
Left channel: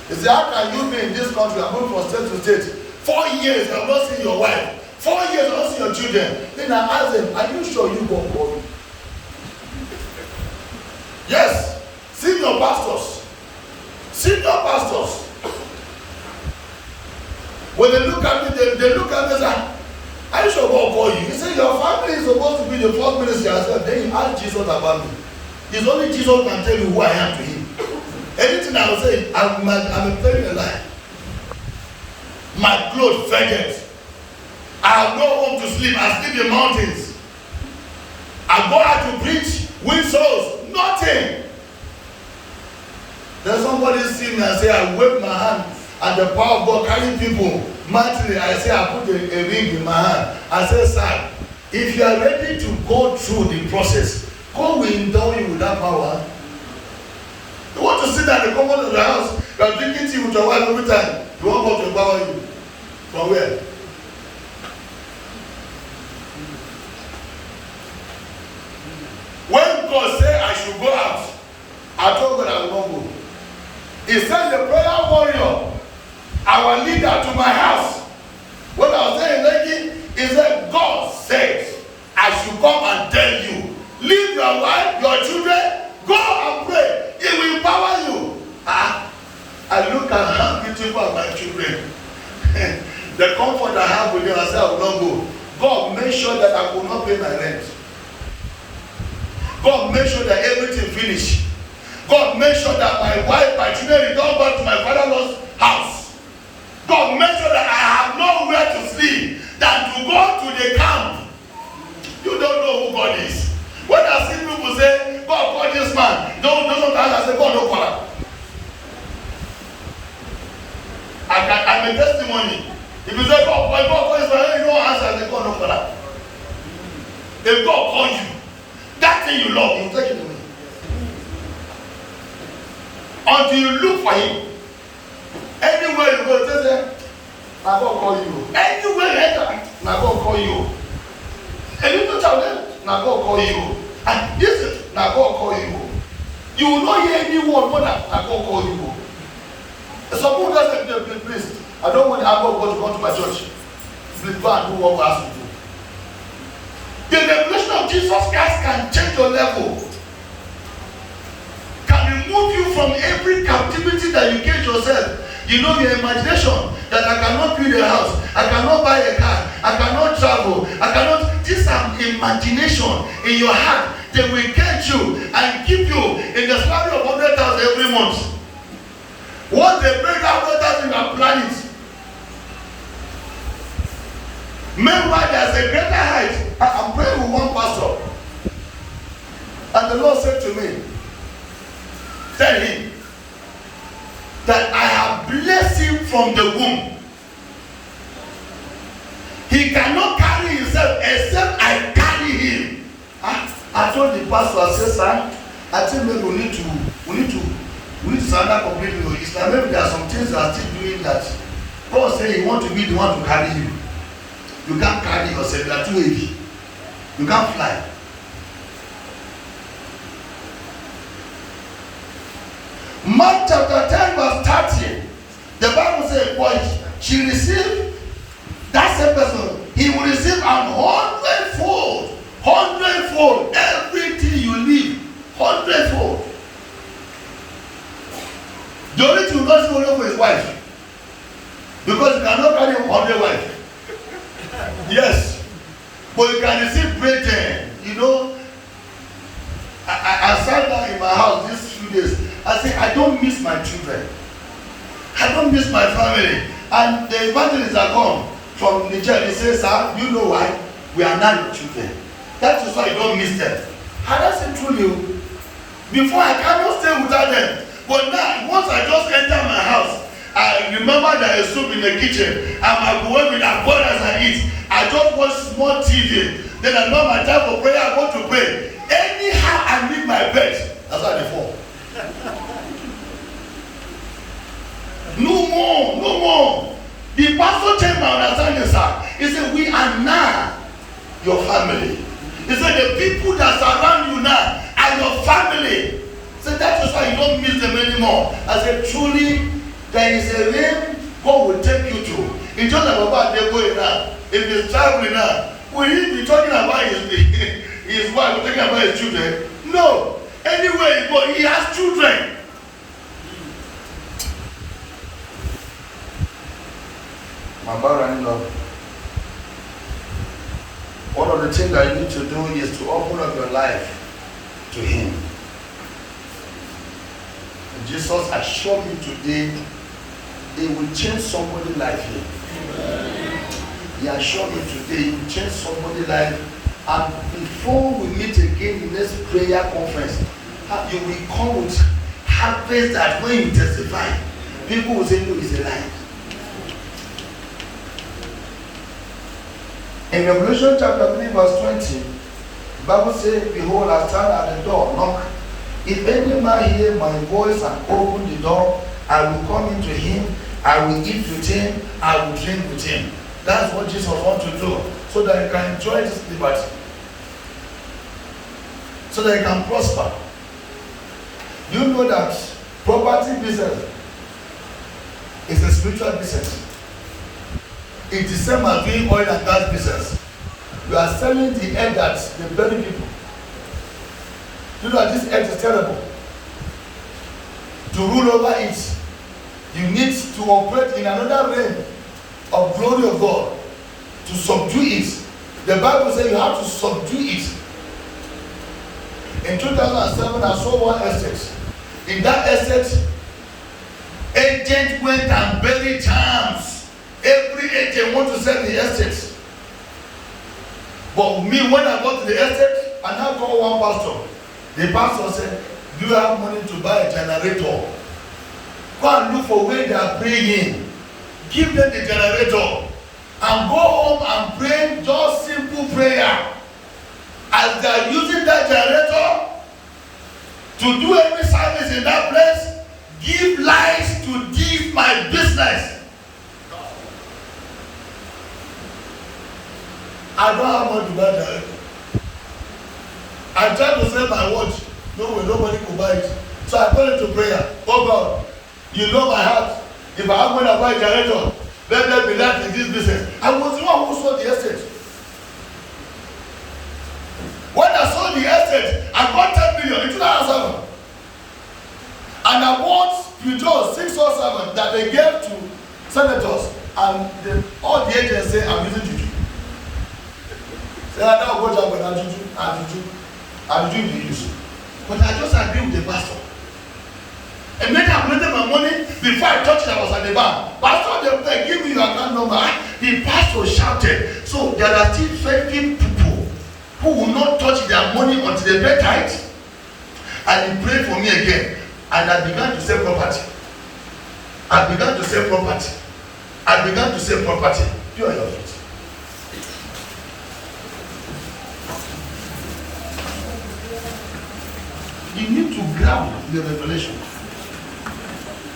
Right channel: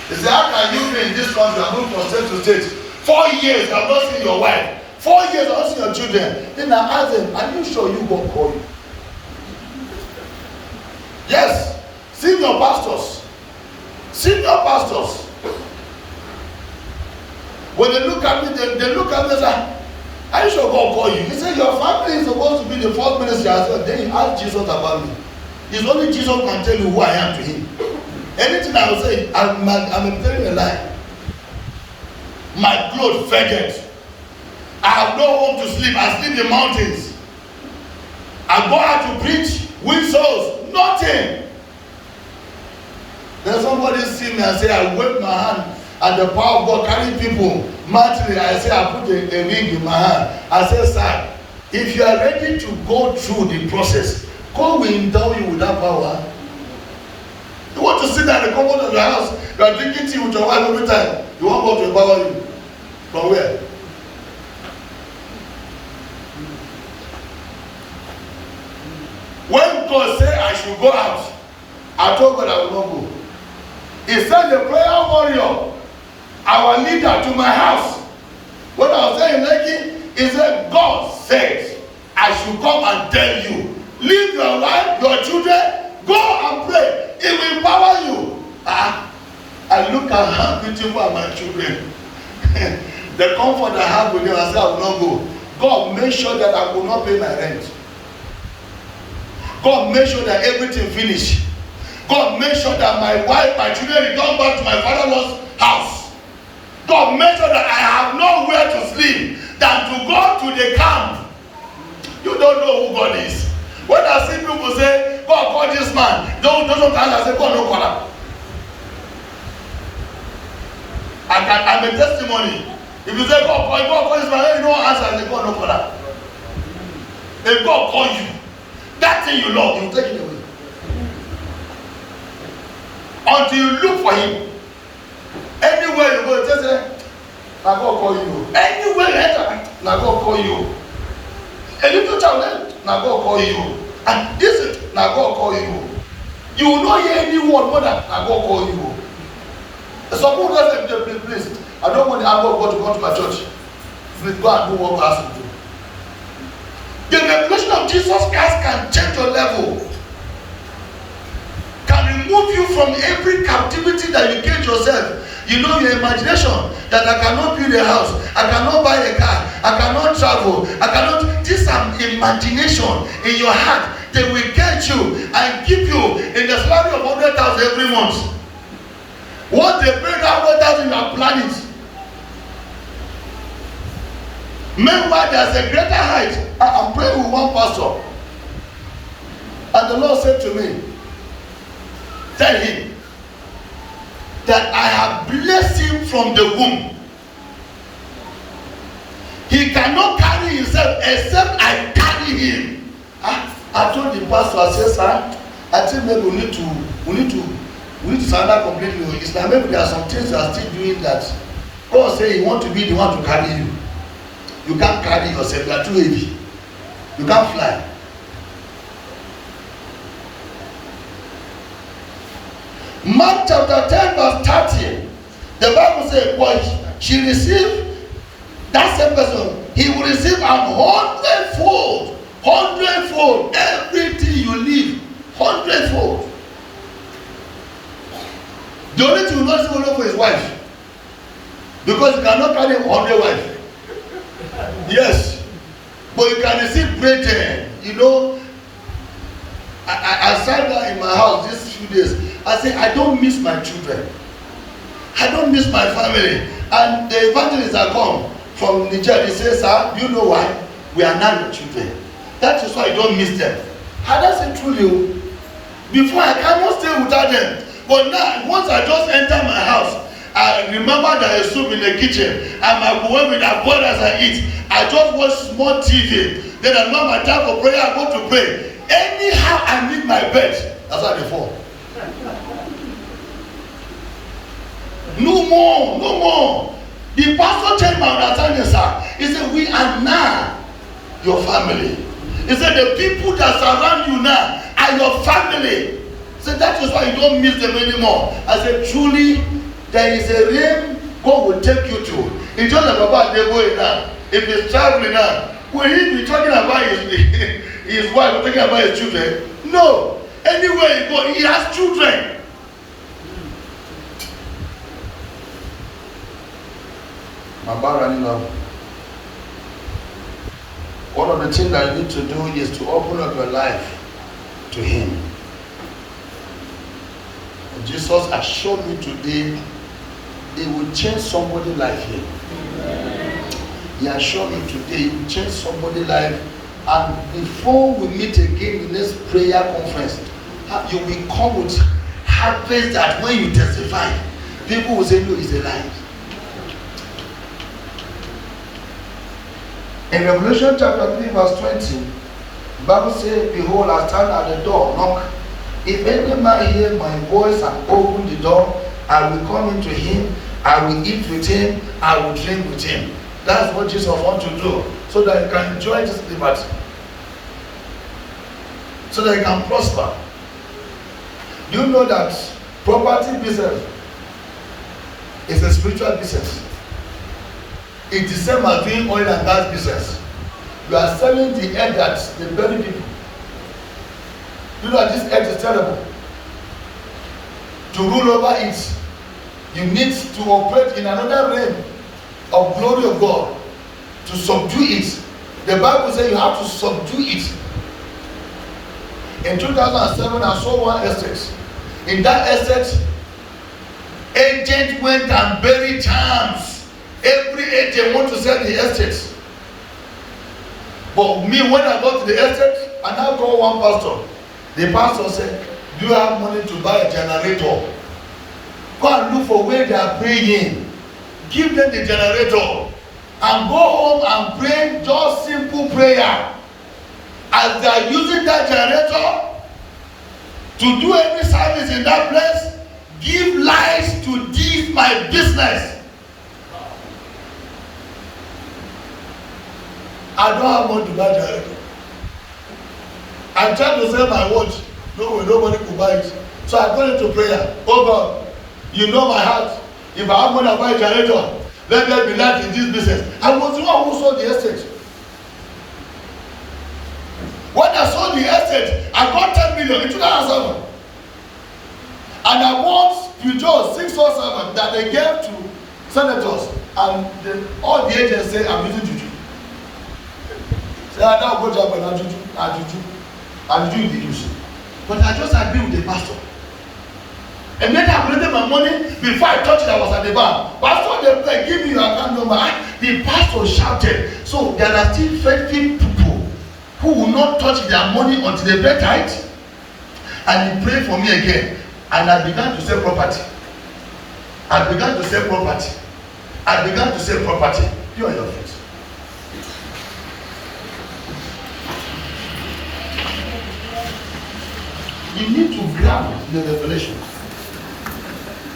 He said, how can you be in this country and move from state to state? 4 years, I've not seen your wife. 4 years, I've not seen your children. Then I asked them, are you sure you won't call you? Yes, senior pastors. Senior pastors. When they look at me, they look at me and say, are you sure God call you? He said, your family is supposed to be the first ministry as well. Then you ask Jesus about me. It's only Jesus can tell you who I am to him. Anything I will say, I'm telling a lie. My clothes faded. I have no home to sleep. I sleep in mountains. I go out to preach, win souls. Nothing. Then somebody see me and say, I wave my hand and the power of God carrying people. Mentally, I say, I put a ring in my hand. I say, sir, if you are ready to go through the process, God will endow you with that power. You want to sit down in the comfort of your house, you are drinking tea with your wife every time. You want God to empower you. From where? When God said I should go out, I told God I will not go. He sent the prayer warrior, our leader, to my house. When I was there in Lekki, he said, God says I should come and tell you, leave your wife, your children, go and pray. It will empower you. I look at how beautiful are my children. The comfort I have with them, I say I will not go. God make sure that I will not pay my rent. God make sure that everything finish. God make sure that my wife, my children return back to my father-in-law's house. God make sure that I have nowhere to sleep than to go to the camp. You don't know who God is. When I see people say, God call this man, don't answer, I say, God don't call him. I'm a testimony. If you say, God call this man, you don't answer, I say, God don't call him. If God call you, that thing you love, you take it away. Until you look for him. Anywhere you go, just say, now God call you. Anywhere you enter, now God call you. A little child, now God call you. And this is, now God call you. You will not hear any word more than, now God call you. Some people just say, please, I don't want the anger of God to come to my church. Please go and do what God has to do. The revelation of Jesus Christ can change your level, can remove you from every captivity that you cage yourself. You know, your imagination that I cannot build a house, I cannot buy a car, I cannot travel, I cannot. This imagination in your heart, they will get you and keep you in the salary of 100,000 every month. What they pay that 100,000 you plan it. Meanwhile, there's a greater height. I'm praying with one pastor, and the Lord said to me, tell him that I have blessed him from the womb. He cannot carry himself except I carry him. I told the pastor, I said, sir, I think maybe we need to surrender completely. It's that maybe there are some things that are still doing that. God said he want to be the one to carry you. You can't carry yourself, you are too heavy. You can't fly. Mark chapter 10 verse 30, the Bible says, well, she received, that same person, he will receive 100-fold, 100-fold, everything you leave, 100-fold. The only thing you not see for his wife, because you cannot carry 100 wives. Yes, but you can receive great, you know. I sat down in my house these few days. I said, I don't miss my children. I don't miss my family. And the evangelists that come from Nigeria, they say, sir, you know why? We are not your children. That is why you don't miss them. And that's it truly. Before I cannot stay without them. But now, once I just enter my house, I remember there is soup in the kitchen, and my boy will have boiled as I eat. I just watch small TV. Then I know my time for prayer, I go to pray. Anyhow, I leave my bed. That's why they fall. No more, no more. The pastor changed my understanding, sir. He said, we are now your family. He said, the people that surround you now are your family. He said, that is why you don't miss them anymore. I said, truly, there is a realm God will take you to. It's just about the boy now. If he's traveling now, will he be talking about his wife, talking about his children? No. Anywhere he goes, he has children. My brother, one of the things that you need to do is to open up your life to him. And Jesus assured me today, it will change somebody's life here. He assured me today, it will change somebody's life. And before we meet again in this prayer conference, you will come with harvest that when you testify, people will say, no, it's a lie. In Revelation chapter 3 verse 20, the Bible says, behold, I stand at the door, knock. If any man hear my voice and open the door, I will come into him, I will eat with him, I will drink with him. That's what Jesus wants to do, so that you can enjoy this liberty, so that you can prosper. You know that property business is a spiritual business. It's the same as doing oil and gas business. You are selling the earth that they bury people. You know that this earth is terrible. To rule over it, you need to operate in another realm of glory of God to subdue it. The Bible says you have to subdue it. In 2007, I saw one estate. In that estate, agent went and buried charms. Every agent wants to sell the estate. But me, when I got to the estate, and I called one pastor. The pastor said, do you have money to buy a generator? Go and look for where they are praying. Give them the generator. And go home and pray just simple prayer. As they are using that generator to do every service in that place, give life to this my business. I don't have money to buy generator. I tried to sell my watch. No way, nobody could buy it. So I put into prayer. Oh God, you know my heart. If I have money to buy a generator, let there be light in this business. I was the one who sold the estate. When I sold the estate, I got 10 million in 2007. And I bought Peugeot 607 that they gave to senators. And all the agents say, I'm using juju. Say, I now go to and juju in the use. But I just agreed with the pastor. And then I collected my money before I touched it. I was at the bank. Pastor, they give me your account number. The pastor shouted. So there are still faithful people who will not touch their money until they pay tithe. And he prayed for me again. And I began to sell property. Pure your feet. You need to grab the revelation.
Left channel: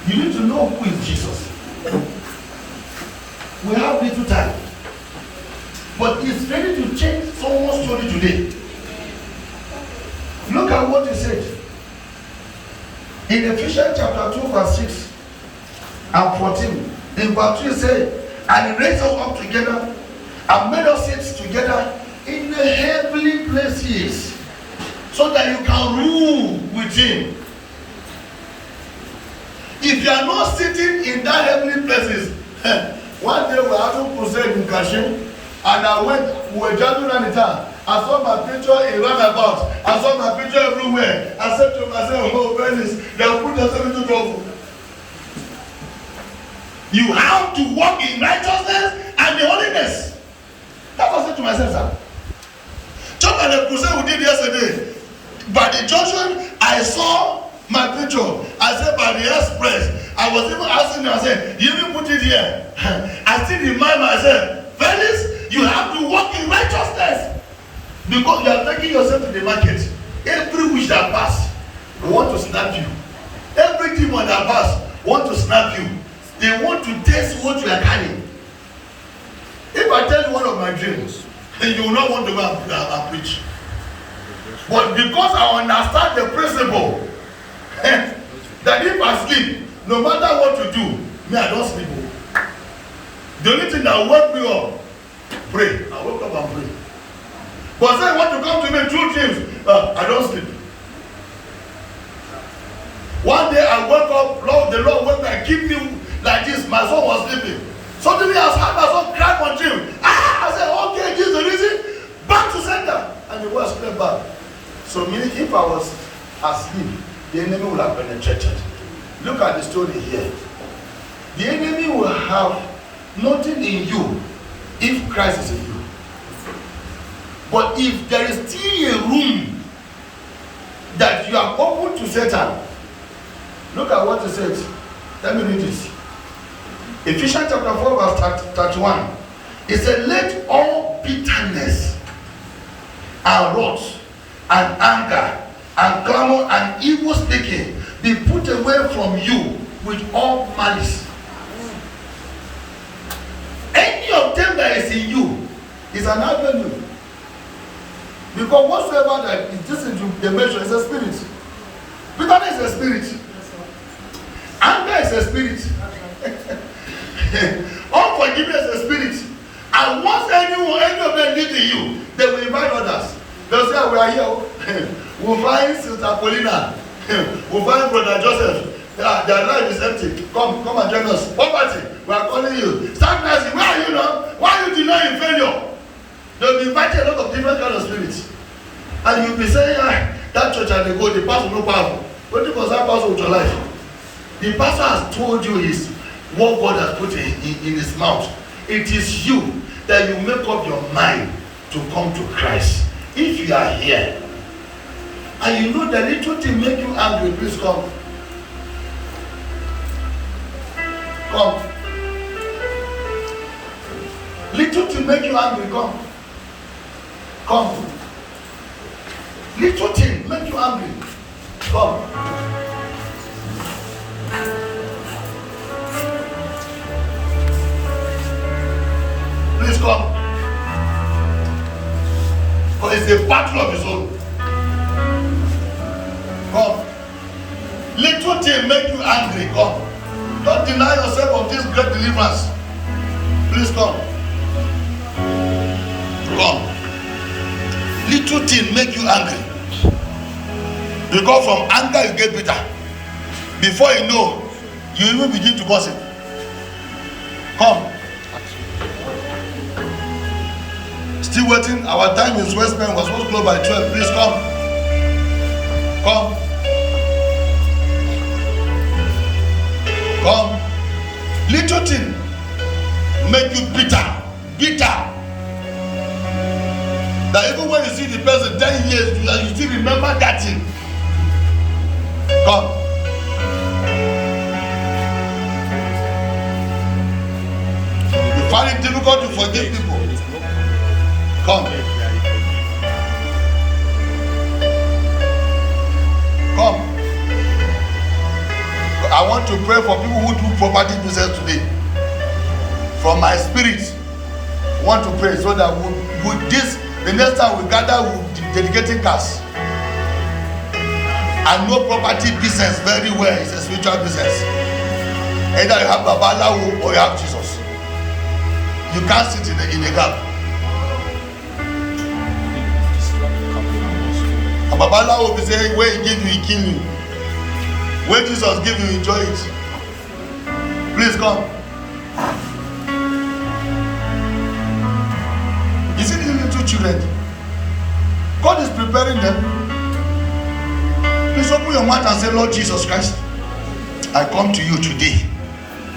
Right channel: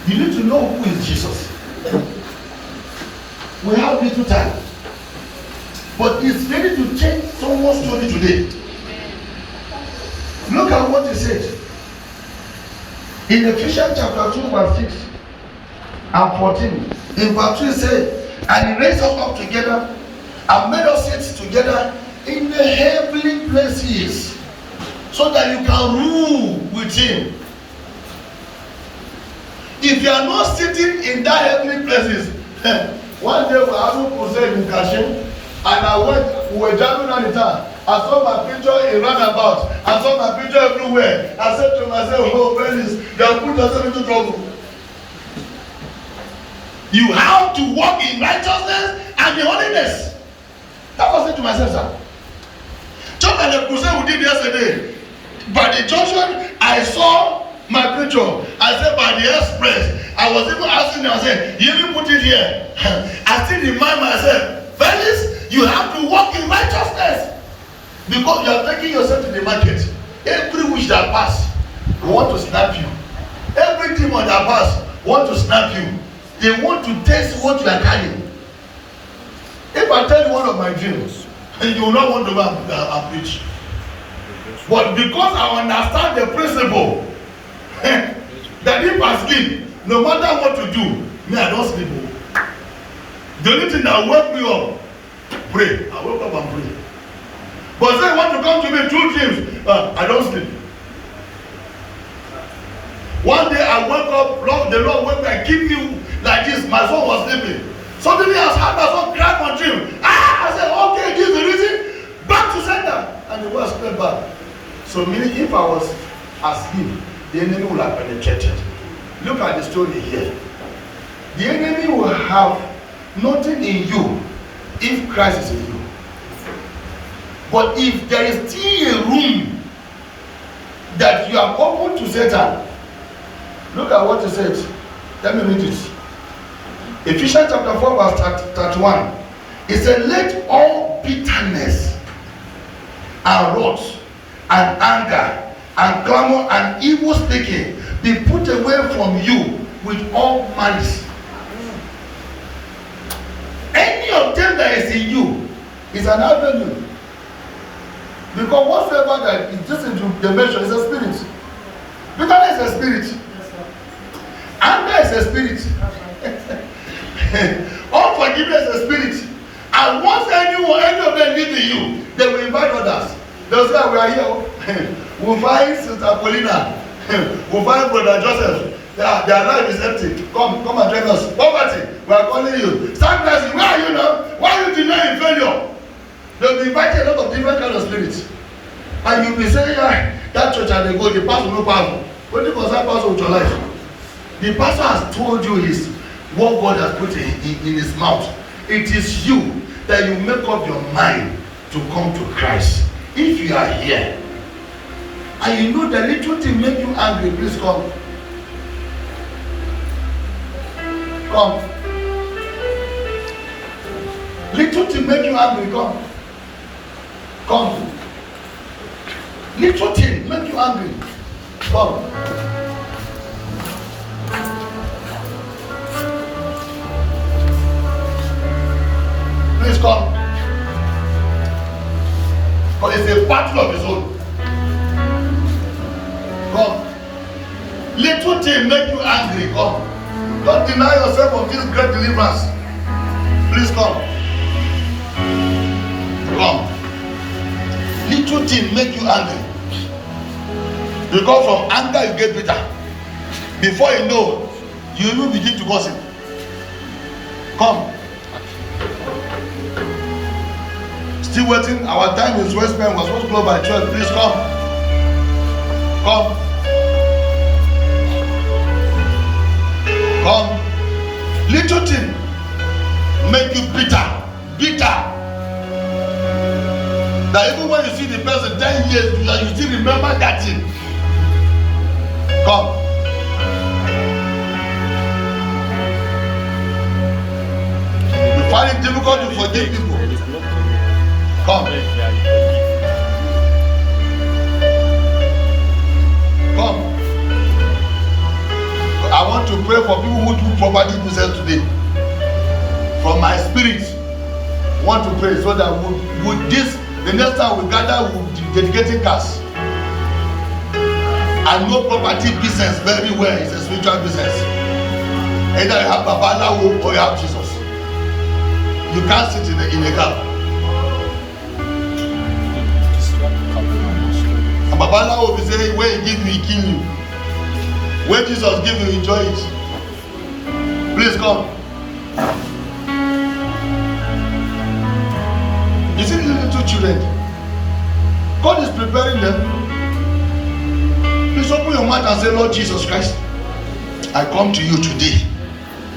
You need to know who is Jesus. We have little time. But it's ready to change someone's story today. Look at what he said. In Ephesians chapter 2 verse 6 and 14. In verse 2 he said, and he raised us up together and made us sit together in the heavenly places so that you can rule with him. If you are not sitting in that heavenly places, one day we were having crusade in Kashin, and we were driving around the town. I saw my picture in roundabout. I saw my picture everywhere. I said to myself, oh, friends, they have put yourself into trouble. You have to walk in righteousness and in holiness. That's what I said to myself, sir. Just like the crusade we did yesterday, by the junction, I saw my picture. I said, by the express, I was even asking them, I said, you even put it here. I still remind myself, fellas, you have to walk in righteousness. Because you are taking yourself to the market. Every wish that pass, they want to snap you. Every demon that pass, want to snap you. They want to test what you are carrying. If I tell you one of my dreams, and you will not want to go and preach. But because I understand the principle, that if I sleep, no matter what to do, me I don't sleep. The only thing that wake me up, pray. I wake up and pray. But say want to come to me through dreams, I don't sleep. One day I woke up, Lord, the Lord wake me and keep you like this. My son was sleeping. Suddenly I heard my son cry on dream. I said, okay, give the reason. Back to center. And he was straight back. So meaning if I was asleep, the enemy will have penetrated. Look at the story here. The enemy will have nothing in you if Christ is in you. But if there is still a room that you are open to Satan, look at what he said. Let me read this. Ephesians chapter 4 verse 31. It said, let all bitterness and wrath and anger and clamor and evil speaking be put away from you with all malice. Any of them that is in you is an avenue. Because whatsoever that is just into the measure is a spirit. Bitterness is a spirit. Anger is a spirit. Unforgiveness is a spirit. And once any of them live in you, they will invite others. They'll say, we are here. We'll find Sister Paulina. We'll find Brother Joseph. Their life is empty. Come and join us. Poverty, we are calling you. Stagnancy, where are you now? Why are you denying failure? They'll be inviting a lot of different kind of spirits. And you'll be saying, that church and they go, the pastor no powerful. What do you concern pastor with your life? The pastor has told you is what God has put in his mouth. It is you that you make up your mind to come to Christ. If you are here, and you know the little thing make you angry, please come. Come. Little thing make you angry, come. Come. Little thing make you angry, come. Please come. Because it's a battle of his own. Come. Little thing make you angry, come. Don't deny yourself of this great deliverance. Please come. Come. Little thing make you angry. You go from anger, you get bitter. Before you know, you even begin to gossip. Come. Still waiting. Our time is West Bank was supposed to go by 12. Please come. Come. Come. Little thing make you bitter. Bitter. That even when you see the person 10 years, you still remember that thing. Come. You find it difficult to forgive people. Come. Come. I want to pray for people who do property business today. From my spirit, I want to pray so that with this, the next time we gather, we'll be dedicating cars. I know property business very well. It's a spiritual business. Either you have Babalawo or you have Jesus. You can't sit in a gap. And Babalawo will be saying, where he give you, he kill you. Where Jesus give you, enjoy it. Please come. You see these little children? God is preparing them. Please open your mouth and say, Lord Jesus Christ, I come to you today.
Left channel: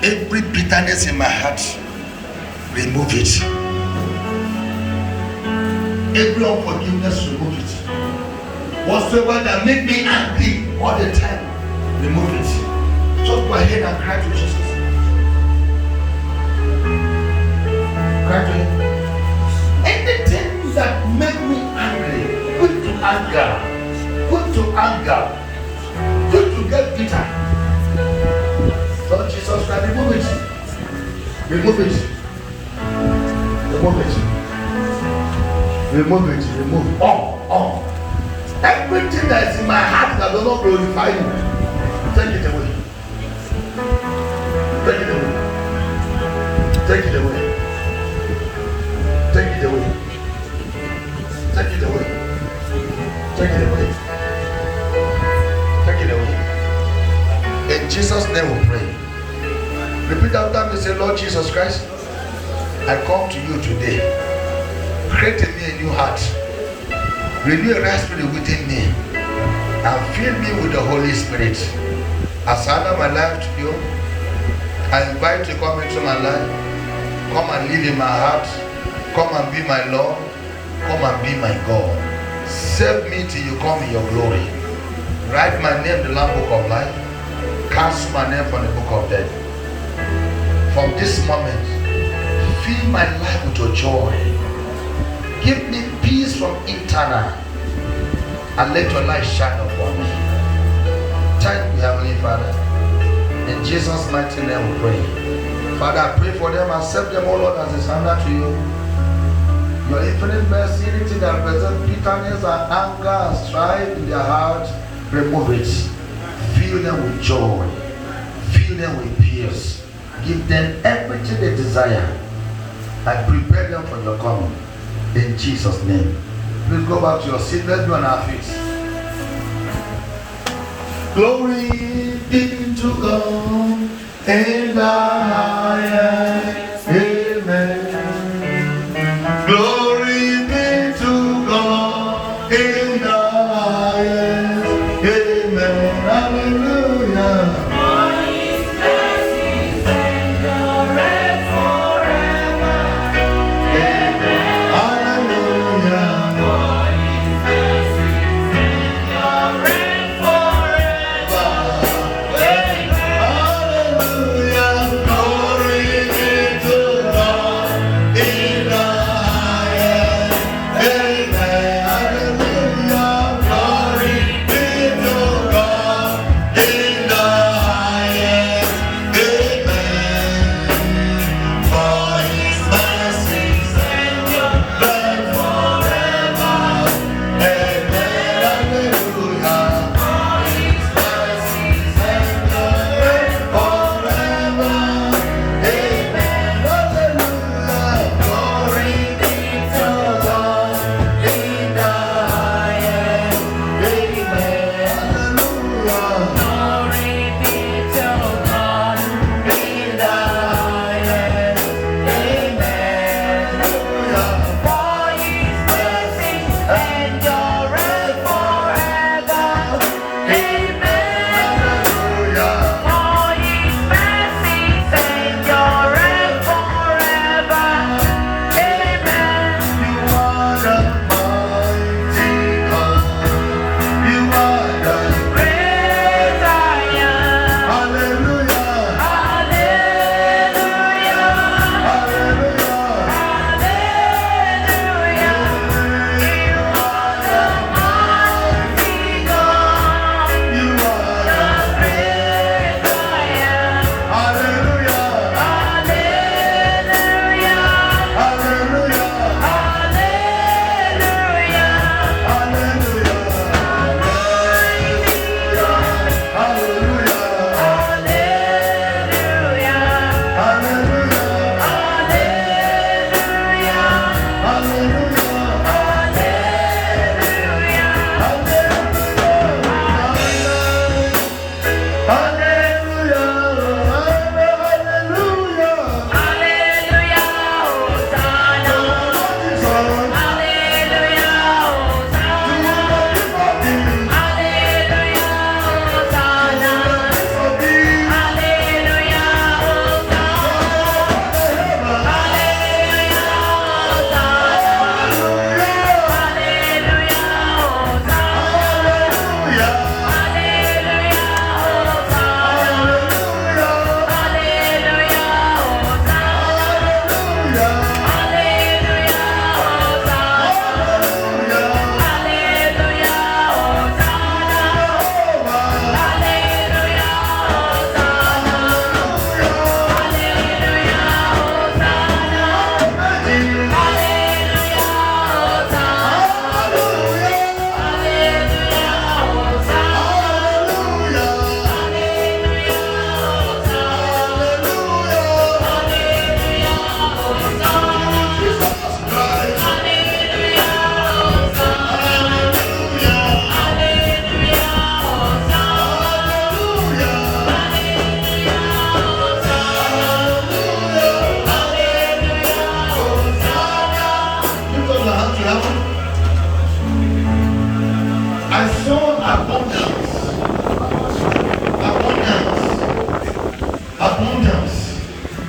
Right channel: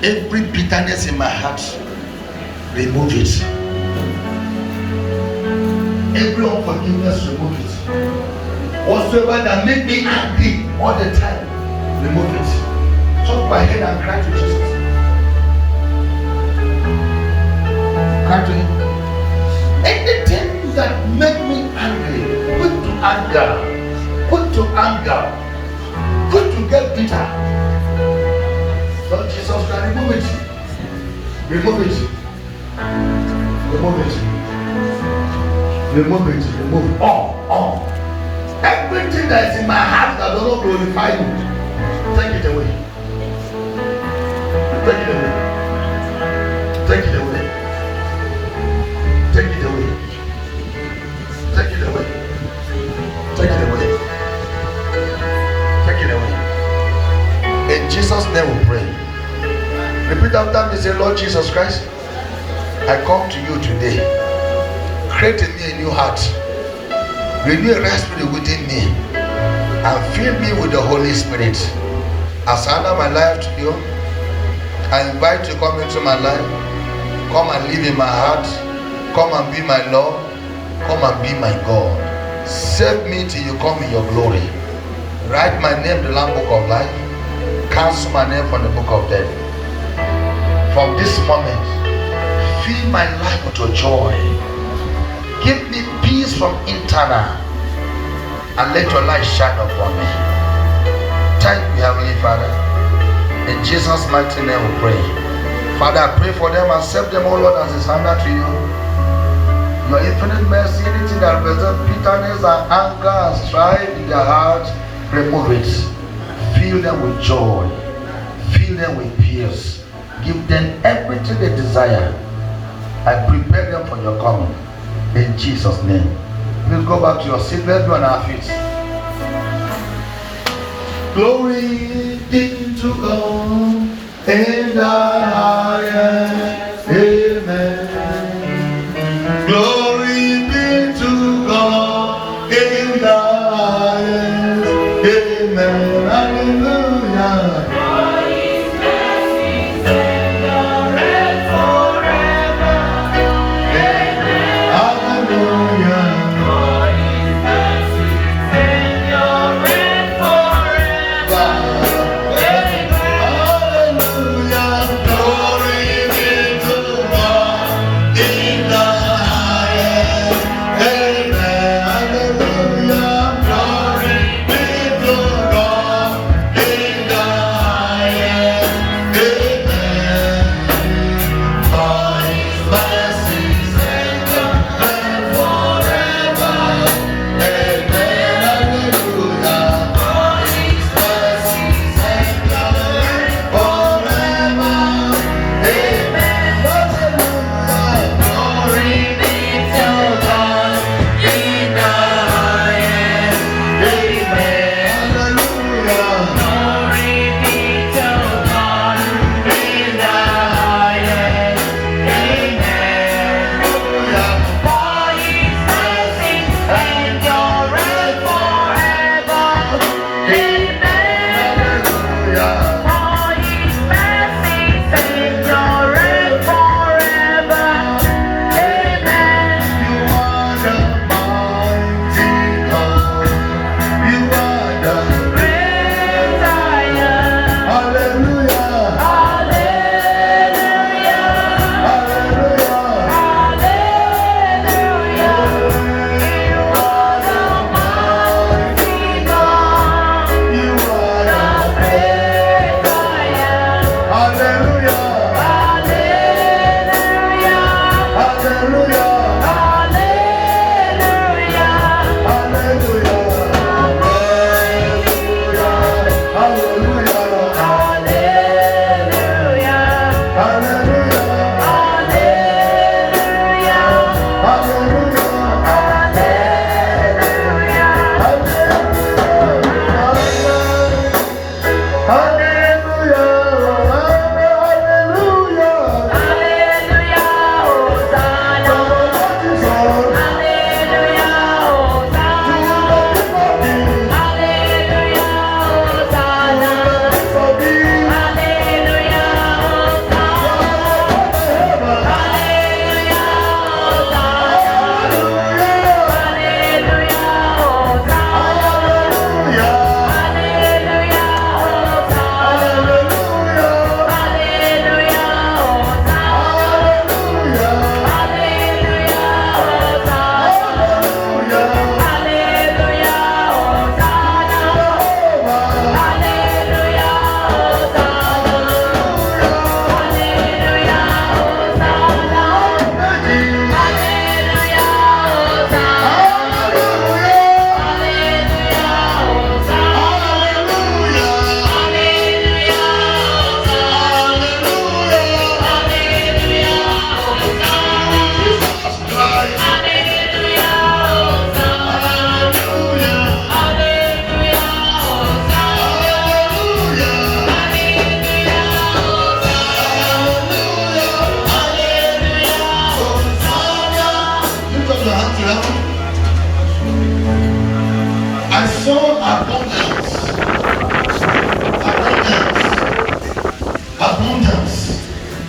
Every bitterness in my heart, remove it. Every unforgiveness, remove it. Whatsoever that make me angry all the time, remove it. So go ahead and cry to Jesus. Cry to him. Anything that make me angry, put to anger, put to anger, put to get bitter. Lord Jesus Christ, remove it. Remove it. Remove it. Remove it. Remove all. Everything that is in my heart that does not glorify you, take it away. Take it away. Take it away. Take it away. Take it away. Take it away. Take it away. In Jesus' name we pray. Repeat after me, say, Lord Jesus Christ, I come to you today. Create in me a new heart. Renew a right spirit within me. And fill me with the Holy Spirit. As I honor my life to you, I invite you to come into my life. Come and live in my heart. Come and be my Lord. Come and be my God. Save me till you come in your glory. Write my name in the Lamb Book of Life. Cancel my name from the book of death. From this moment, fill my life with your joy. Give me peace from internal, and let your light shine upon me. Thank you, Heavenly Father. In Jesus' mighty name we pray. Father, I pray for them. Accept them, O Lord, as a standard to you. Your infinite mercy, anything that represents bitterness and anger and strife in their heart, remove it. Fill them with joy. Fill them with peace. Give them everything they desire. I prepare them for your coming. In Jesus' name. Please go back to your seat. Let's be on our feet. Glory be to God in the highest. Amen. Glory be to God in the highest. Amen. Hallelujah. Glory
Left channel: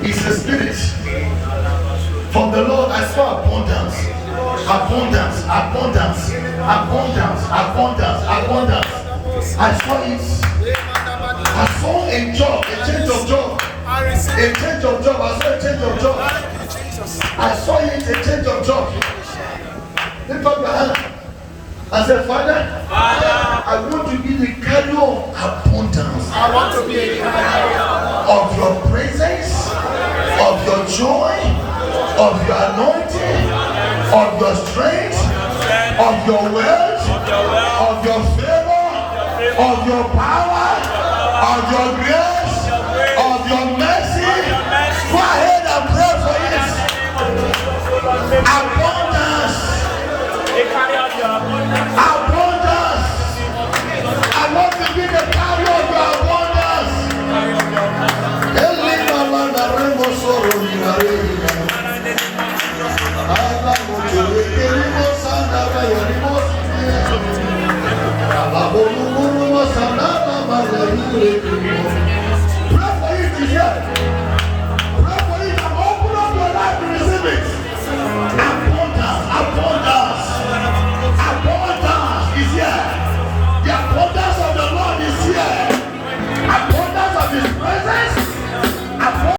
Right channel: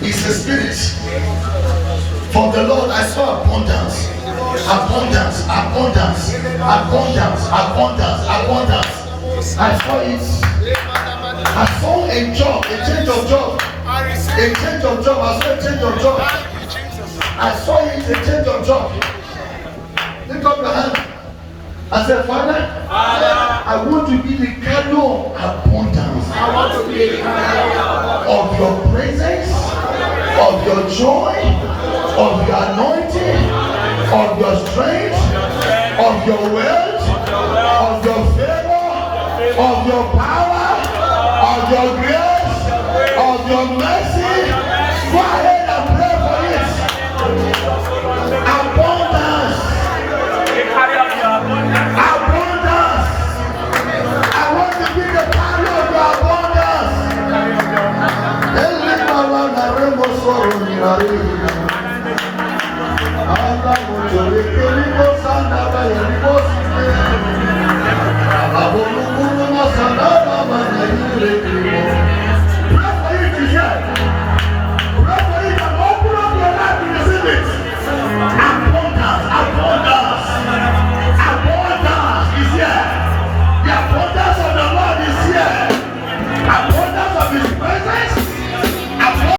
is a spirit. From the Lord I saw abundance. Abundance, abundance, abundance, abundance, abundance. I saw it. I saw a job, a change of job. A change of job. I saw a change of job. I saw it, a change of job. Lift up your hand. I said, Father, I want to be the carrier of abundance. I want to be the carrier of your presence, of your joy, of your anointing, of your strength, of your wealth, of your favor, of your power, of your grace, of your mercy. Go ahead and pray for it. Abundance. Abundance. I want to be the carrier of your abundance.